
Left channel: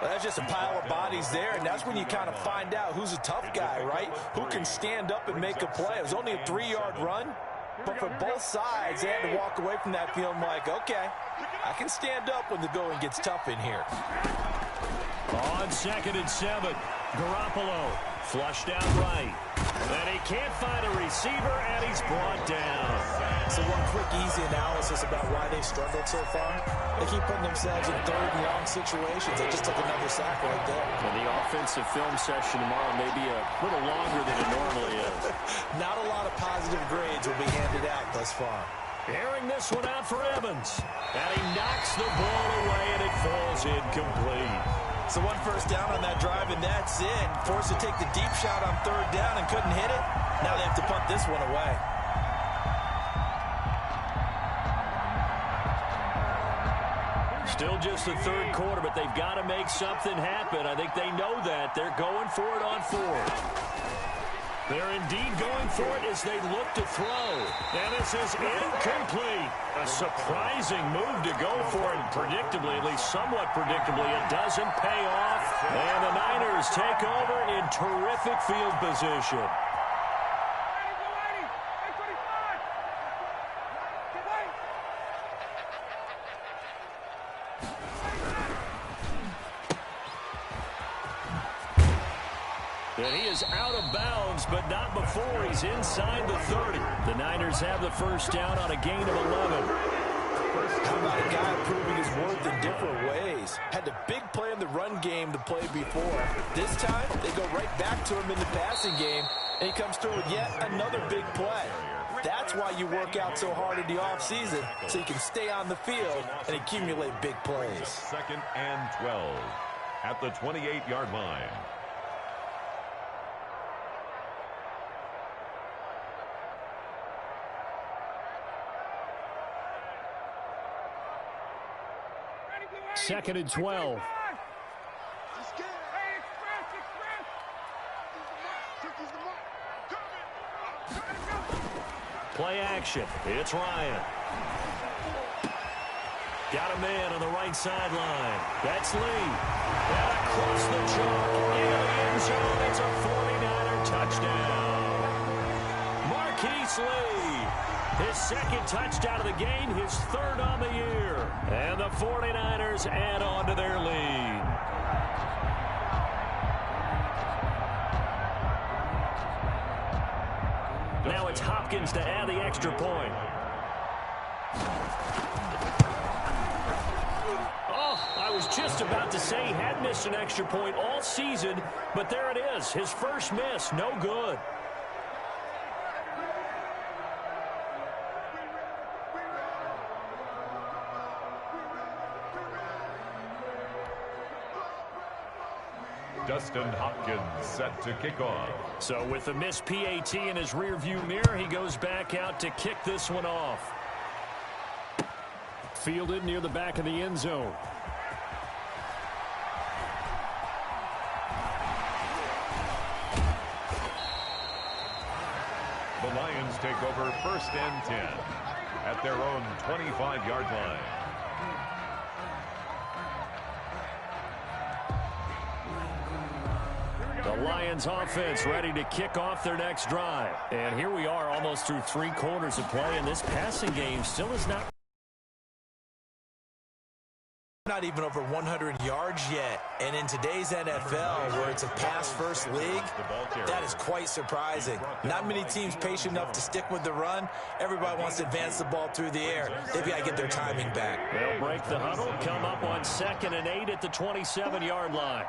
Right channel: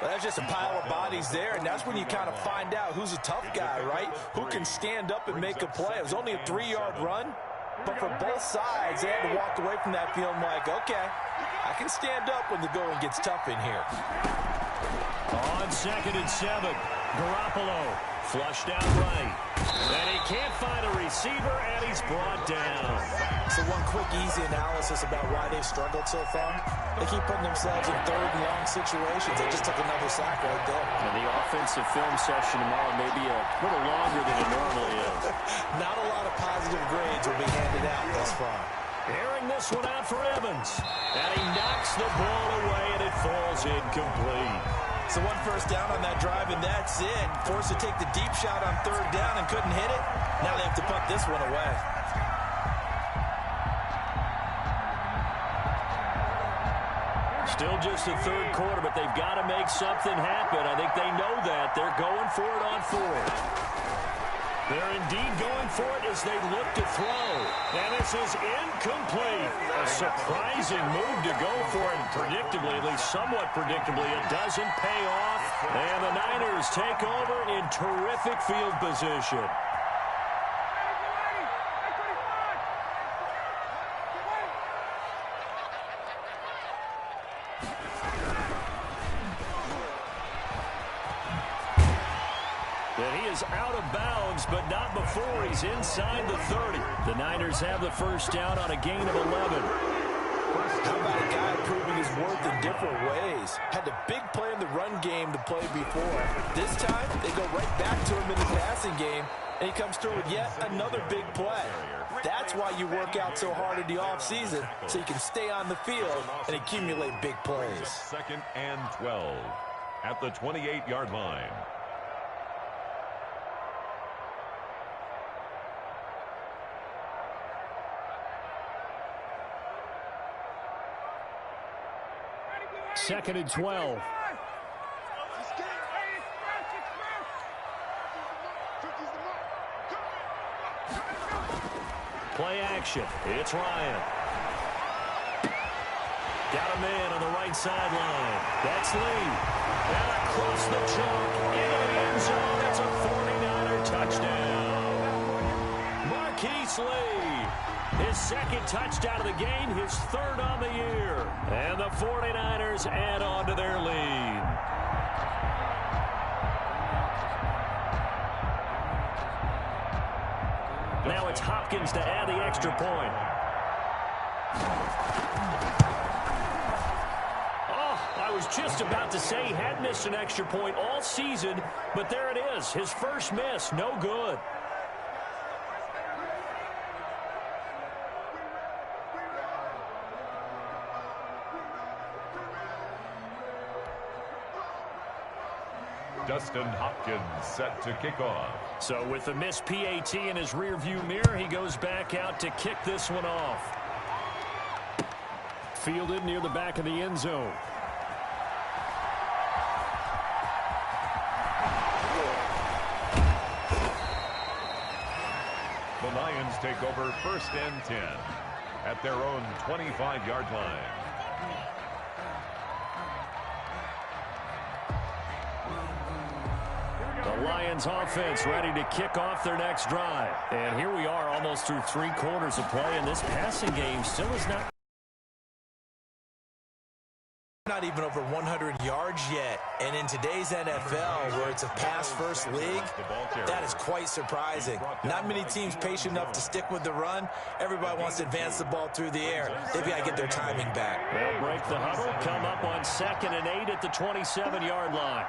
Well, that's just a pile of bodies there, and that's when you kind of find out who's a tough guy, right? Who can stand up and make a play. It was only a 3-yard run, but for both sides, they had to walk away from that feeling like, okay, I can stand up when the going gets tough in here. On 2nd and 7, Garoppolo flushed out right. And he can't find a receiver, and he's brought down. So one quick, easy analysis about why they've struggled so far. They keep putting themselves in 3rd and long situations. They just took another sack right there. And the offensive film session tomorrow may be a little longer than it normally is. Not a lot of positive grades will be handed out thus far. Airing this one out for Evans. And he knocks the ball away, and it falls incomplete. So one 1st down on that drive, and that's it. Forced to take the deep shot on 3rd down and couldn't hit it. Now they have to punt this one away. Still just the 3rd quarter, but they've got to make something happen. I think they know that. They're going for it on 4th. They're indeed going for it as they look to throw. And this is incomplete. A surprising move to go for it. Predictably, at least somewhat predictably, it doesn't pay off. And the Niners take over in terrific field position. And he is out of bounds, but not before he's inside the 30. The Niners have the 1st down on a gain of 11. How about a guy proving his worth in different ways? Had a big play in the run game to play before. This time, they go right back to him in the passing game, and he comes through with yet another big play. That's why you work out so hard in the offseason, so you can stay on the field and accumulate big plays. 2nd and 12 at the 28-yard line. Second and 12. Play action. It's Ryan. Got a man on the right sideline. That's Lee. And across the chalk into the end zone. It's a 49er touchdown. Marquise Lee. His 2nd touchdown of the game, his 3rd on the year. And the 49ers add on to their lead. Now it's Hopkins to add the extra point. Oh, I was just about to say he had missed an extra point all season, but there it is. His first miss, no good. Dustin Hopkins set to kick off. So with the missed PAT in his rearview mirror, he goes back out to kick this one off. Fielded near the back of the end zone. The Lions take over 1st and 10 at their own 25-yard line. The Lions offense ready to kick off their next drive. And here we are almost through 3 quarters of play, and this passing game still is not even over 100 yards yet. And in today's NFL, where it's a pass-first league, that is quite surprising. Not many teams patient enough to stick with the run. Everybody wants to advance the ball through the air. They've got to get their timing back. They'll break the huddle, come up on 2nd and 8 at the 27-yard line.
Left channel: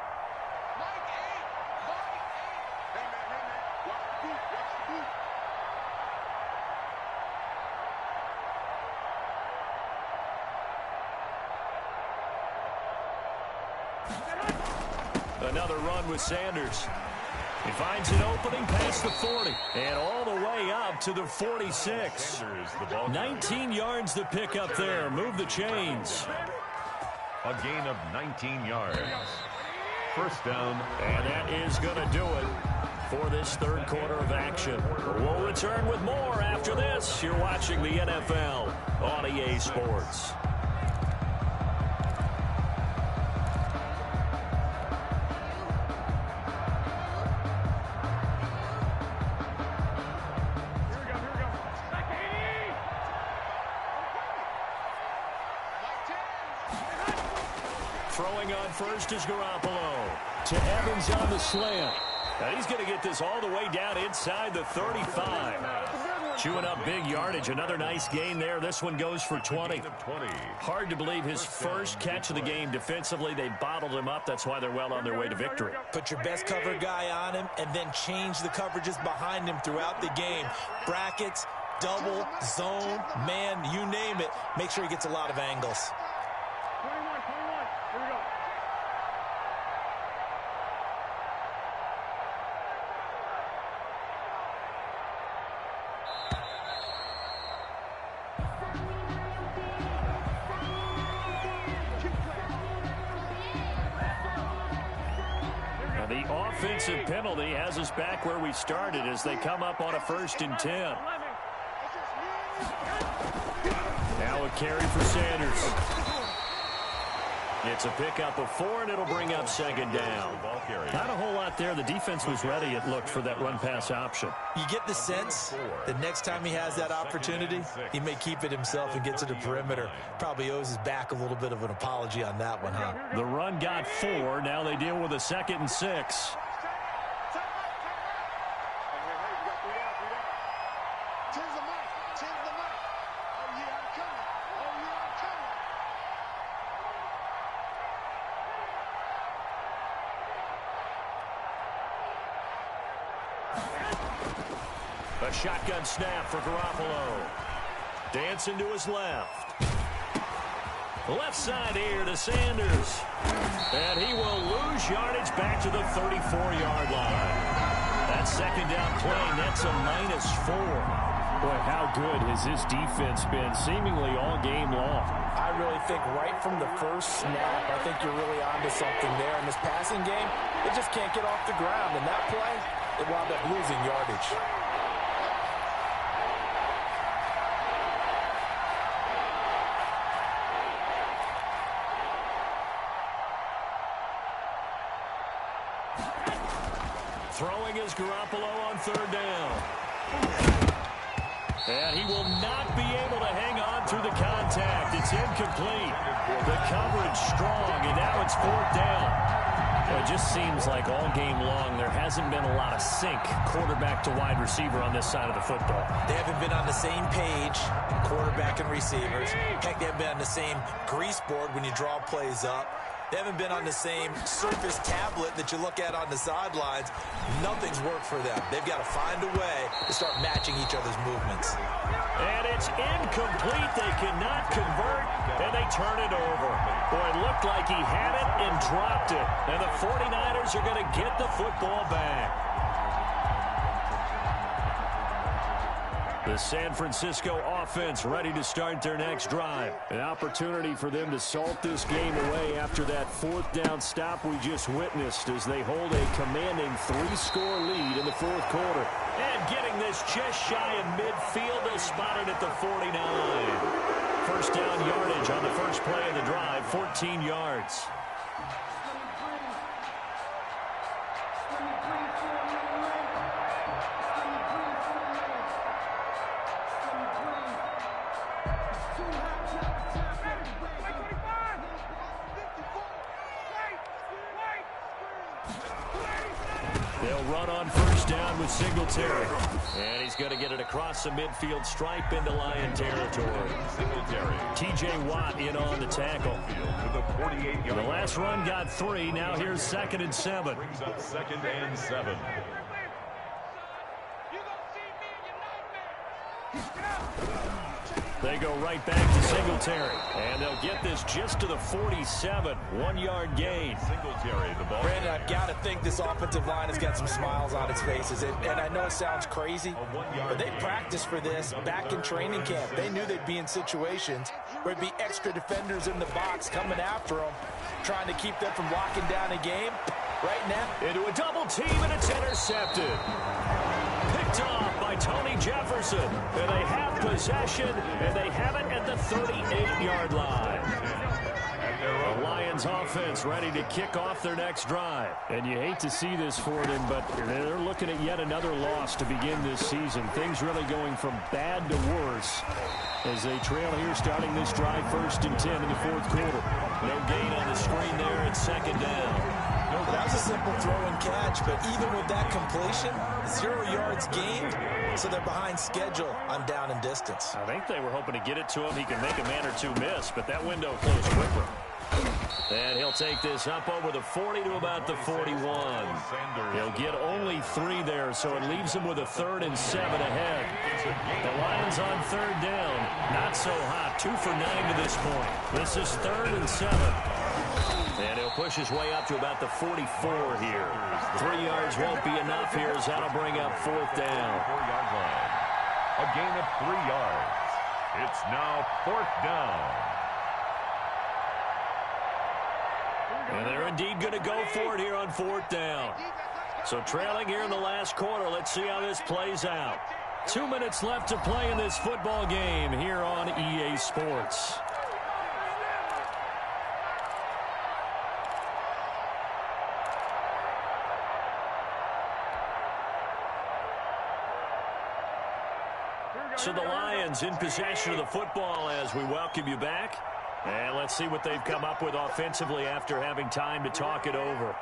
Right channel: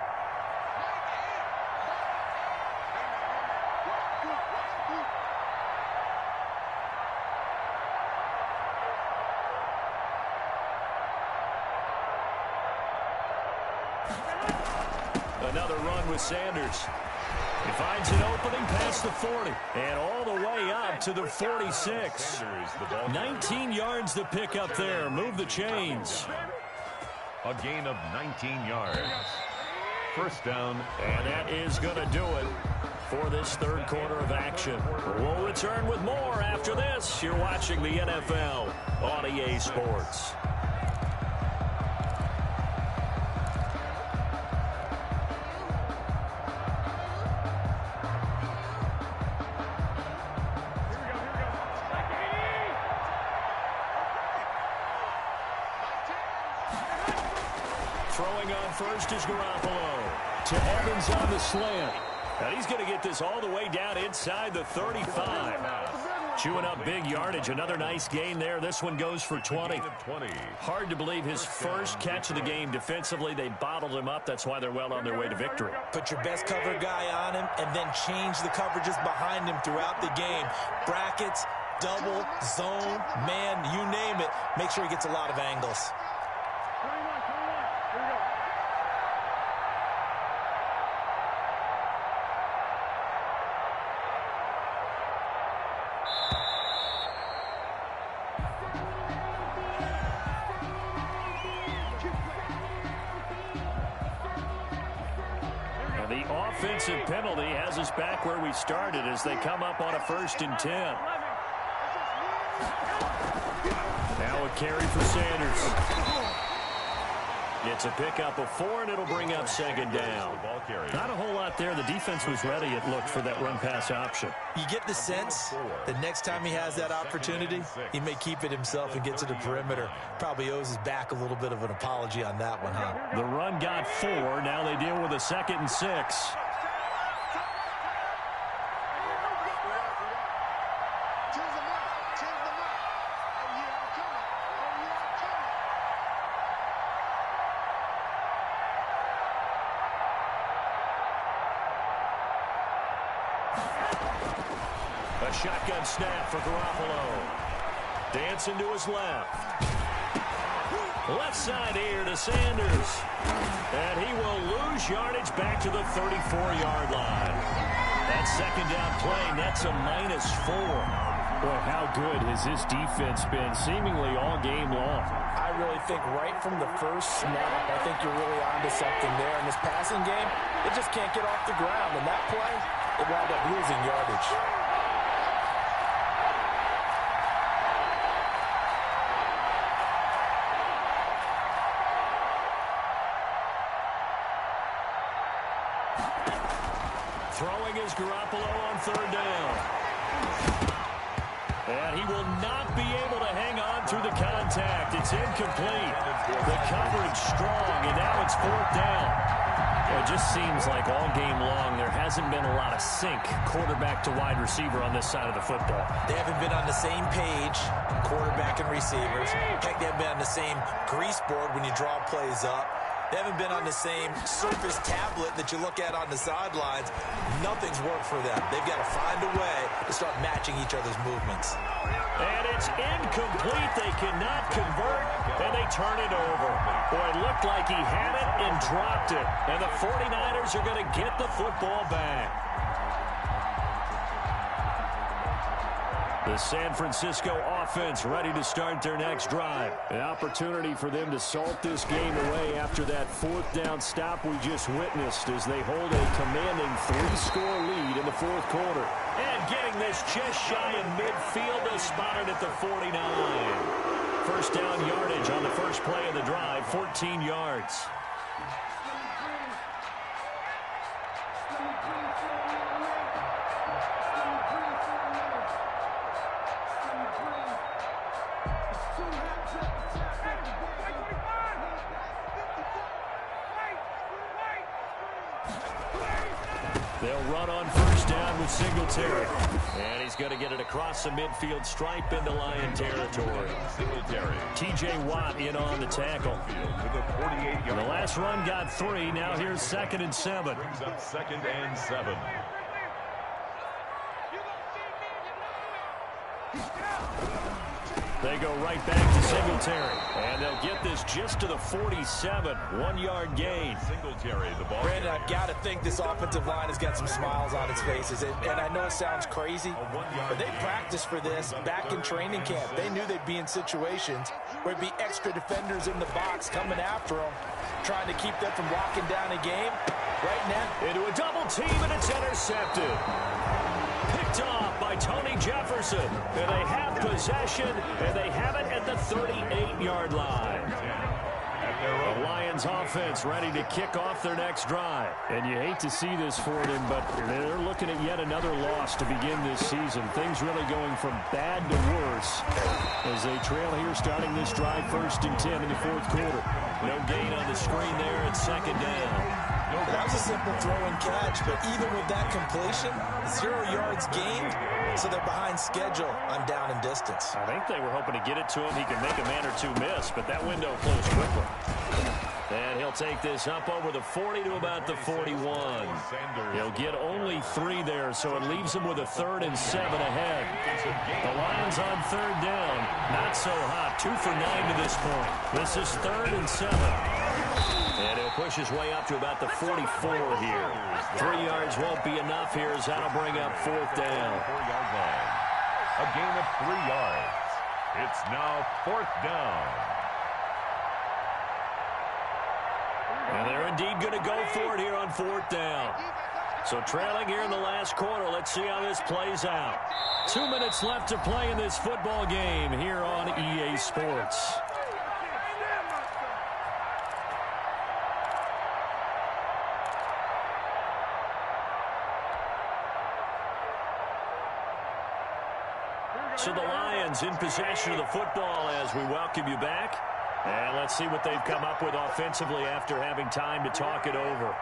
Another run with Sanders. He finds an opening past the 40 and all the way up to the 46. 19 yards to pick up there. Move the chains. A gain of 19 yards. 1st down. And that is going to do it for this 3rd quarter of action. We'll return with more after this. You're watching the NFL on EA Sports. Throwing on first is Garoppolo. To Evans on the slant. And he's going to get this all the way down inside the 35. Chewing up big yardage. Another nice gain there. This one goes for 20. Hard to believe his first catch of the game defensively. They bottled him up. That's why they're well on their way to victory. Put your best cover guy on him and then change the coverages behind him throughout the game. Brackets, double, zone, man, you name it. Make sure he gets a lot of angles. 21, here we go. And the offensive penalty has us back where we started as they come up on a 1st and 10. Now a carry for Sanders. It's a pickup of 4, and it'll bring up 2nd down. Not a whole lot there. The defense was ready, it looked, for that run-pass option. You get the sense that next time he has that opportunity, he may keep it himself and get to the perimeter. Probably owes his back a little bit of an apology on that one, huh? The run got 4. Now they deal with a 2nd and 6. A shotgun snap for Garoppolo. Dancing to his left. Left side here to Sanders. And he will lose yardage back to the 34-yard line. That 2nd down play nets a -4. Boy, how good has this defense been seemingly all game long? I really think right from the first snap, I think you're really onto something there. In this passing game, it just can't get off the ground. And that play, it wound up losing yardage. Throwing is Garoppolo on 3rd down. And he will not be able to hang on through the contact. It's incomplete. The coverage strong, and now it's 4th down. It just seems like all game long there hasn't been a lot of sync quarterback to wide receiver on this side of the football. They haven't been on the same page, quarterback and receivers. Heck, they haven't been on the same grease board when you draw plays up. They haven't been on the same Surface tablet that you look at on the sidelines. Nothing's worked for them. They've got to find a way to start matching each other's movements. And it's incomplete. They cannot convert, And they turn it over. Boy, it looked like he had it and dropped it. And the 49ers are going to get the football back. The San Francisco offense ready to start their next drive. An opportunity for them to salt this game away after that 4th down stop we just witnessed as they hold a commanding 3-score lead in the 4th quarter. And getting this just shy of midfield, they'll spot it at the 49. First down yardage on the first play of the drive, 14 yards. They'll run on first down with Singletary. And he's going to get it across the midfield stripe into Lion territory. Singletary. T.J. Watt in on the tackle. The last run got 3. Now here's 2nd and 7. Brings up 2nd and 7. They go right back to Singletary. And they'll get this just to the 47. 1-yard gain. Singletary, the ball. Brandon, I've got to think this offensive line has got some smiles on its faces. And I know it sounds crazy, but they practiced for this back in training camp. They knew they'd be in situations where there'd be extra defenders in the box coming after them, trying to keep them from locking down a game. Right now, into a double team, and it's intercepted. Picked off by Tony Jefferson. And they have possession, and they have it at the 38-yard line. The Lions offense ready to kick off their next drive. And you hate to see this for them, but they're looking at yet another loss to begin this season. Things really going from bad to worse as they trail here starting this drive 1st and 10 in the 4th quarter. No gain on the screen there at 2nd down. That was a simple throw and catch, but even with that completion, 0 yards gained, so they're behind schedule on down and distance. I think they were hoping to get it to him. He can make a man or two miss, but that window closed quickly. And he'll take this up over the 40 to about the 41. He'll get only 3 there, so it leaves him with a 3rd and 7 ahead. The Lions on 3rd down. Not so hot. 2 for 9 to this point. This is 3rd and 7. And he'll push his way up to about the 44 here. 3 yards won't be enough here as that'll bring up 4th down. 4-yard line. A gain of 3 yards. It's now 4th down. And they're indeed going to go for it here on 4th down. So trailing here in the last quarter. Let's see how this plays out. 2 minutes left to play in this football game here on EA Sports. So the Lions in possession of the football as we welcome you back. And let's see what they've come up with offensively after having time to talk it over.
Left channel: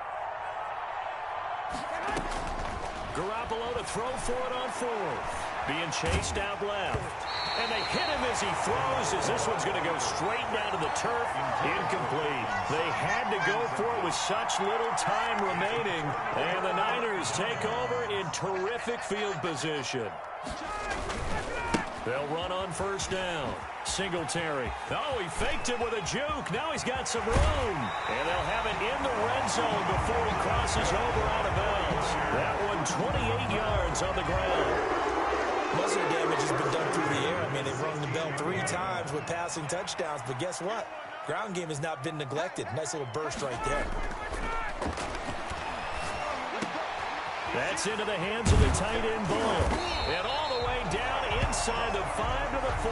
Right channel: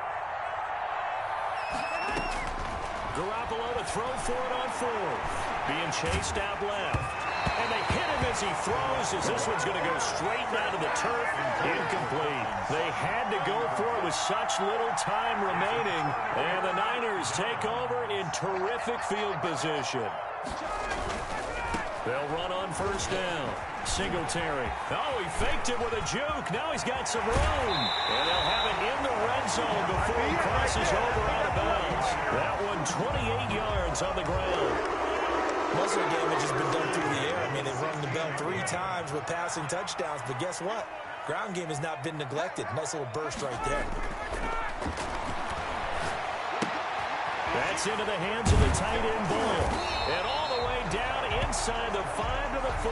Garoppolo to throw for it on 4th. Being chased out left. And they hit him as he throws as this one's going to go straight down to the turf. Incomplete. They had to go for it with such little time remaining. And the Niners take over in terrific field position. They'll run on first down. Singletary. Oh, he faked it with a juke. Now he's got some room. And they'll have it in the red zone before he crosses over out of bounds. That one 28 yards on the ground. Most of the damage has been done through the air. I mean, they've rung the bell 3 times with passing touchdowns. But guess what? Ground game has not been neglected. Nice little burst right there. That's into the hands of the tight end Bull. And all the way down inside the 5 to the 4.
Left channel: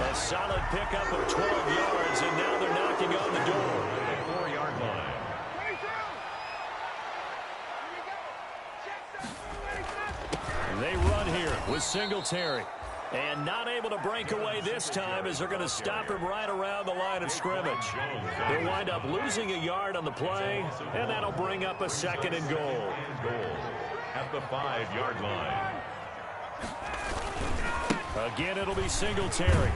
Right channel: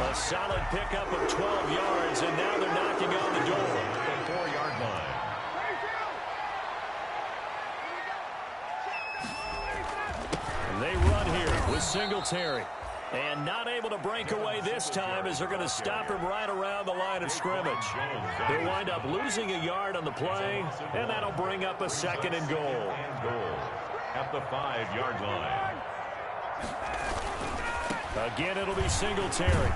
A solid pickup of 12 yards, and now they're knocking on the door. At the 4-yard line. They run here with Singletary. And not able to break away this time as they're going to stop him right around the line of scrimmage. They'll wind up losing a yard on the play, and that'll bring up a 2nd and goal. At the 5-yard line. Again, it'll be Singletary.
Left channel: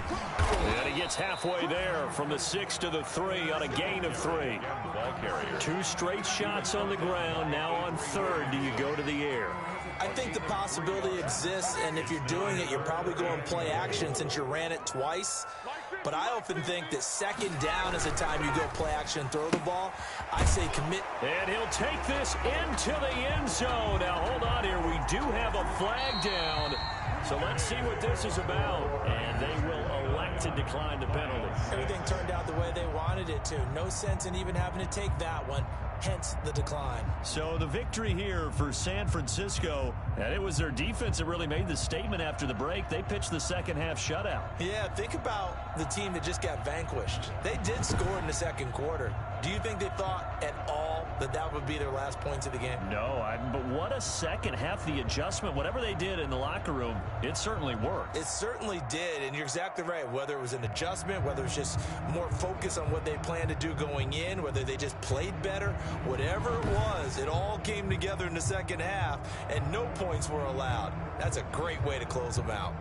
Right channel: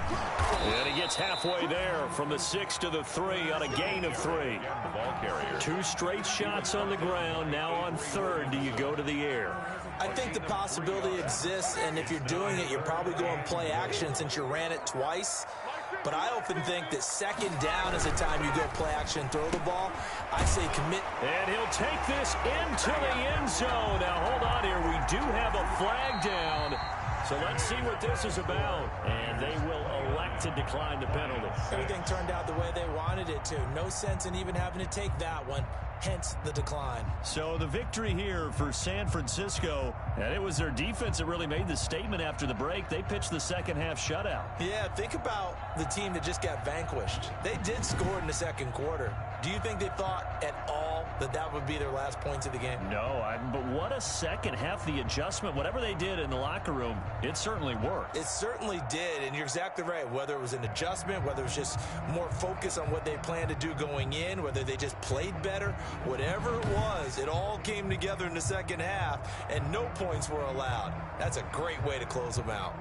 And he gets halfway there from the 6 to the 3 on a gain of 3. The ball carrier. 2 straight shots on the ground. Now on 3rd, do you go to the air? I think the possibility exists, and if you're doing it, you're probably going play action since you ran it twice. but I often think that second down is the time you go play action, throw the ball. I say commit. And he'll take this into the end zone. Now, hold on here. We do have a flag down. So let's see what this is about. And they will elect to decline the penalty. Everything turned out the way they wanted it to. No sense in even having to take that one. Hence the decline. So the victory here for San Francisco, and it was their defense that really made the statement after the break. They pitched the second half shutout. Yeah, think about the team that just got vanquished. They did score in the second quarter. Do you think they thought at all that that would be their last points of the game? No, but what a second half. The adjustment, whatever they did in the locker room, it certainly worked. It certainly did, and you're exactly right. Whether it was an adjustment, whether it was just more focus on what they planned to do going in, whether they just played better, whatever it was, it all came together in the second half, and no points were allowed. That's a great way to close them out.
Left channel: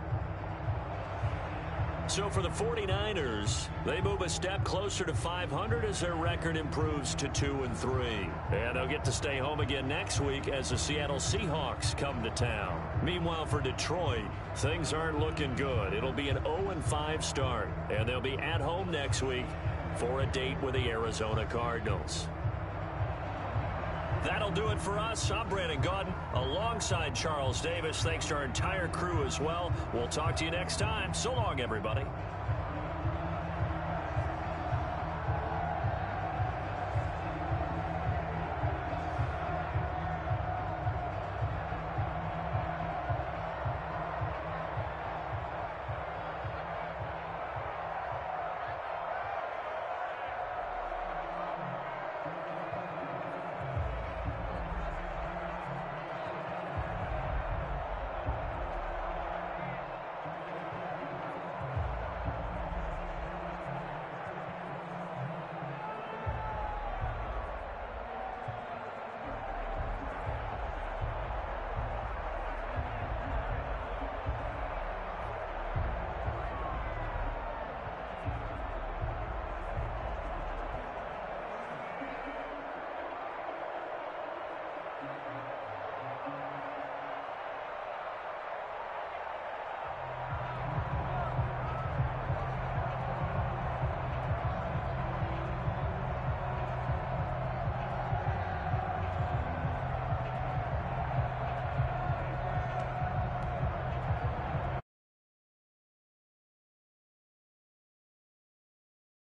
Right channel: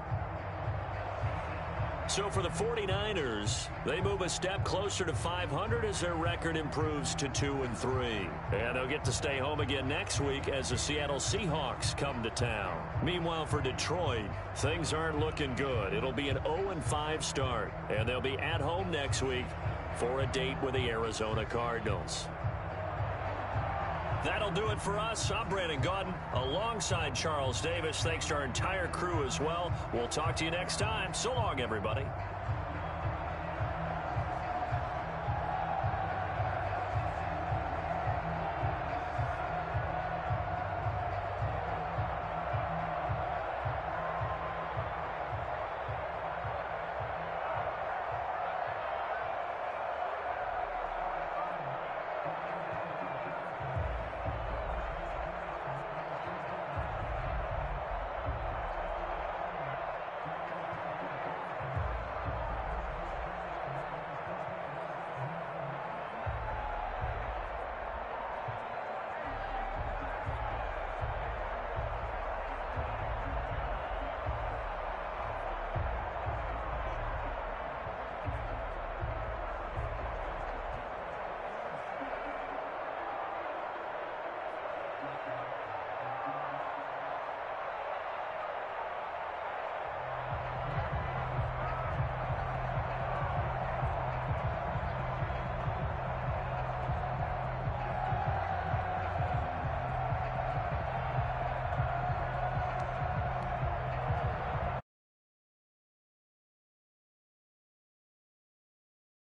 So for the 49ers, they move a step closer to 500 as their record improves to 2-3. And they'll get to stay home again next week as the Seattle Seahawks come to town. Meanwhile, for Detroit, things aren't looking good. It'll be an 0-5 start, and they'll be at home next week for a date with the Arizona Cardinals. That'll do it for us. I'm Brandon Gaudin alongside Charles Davis. Thanks to our entire crew as well. We'll talk to you next time. So long, everybody.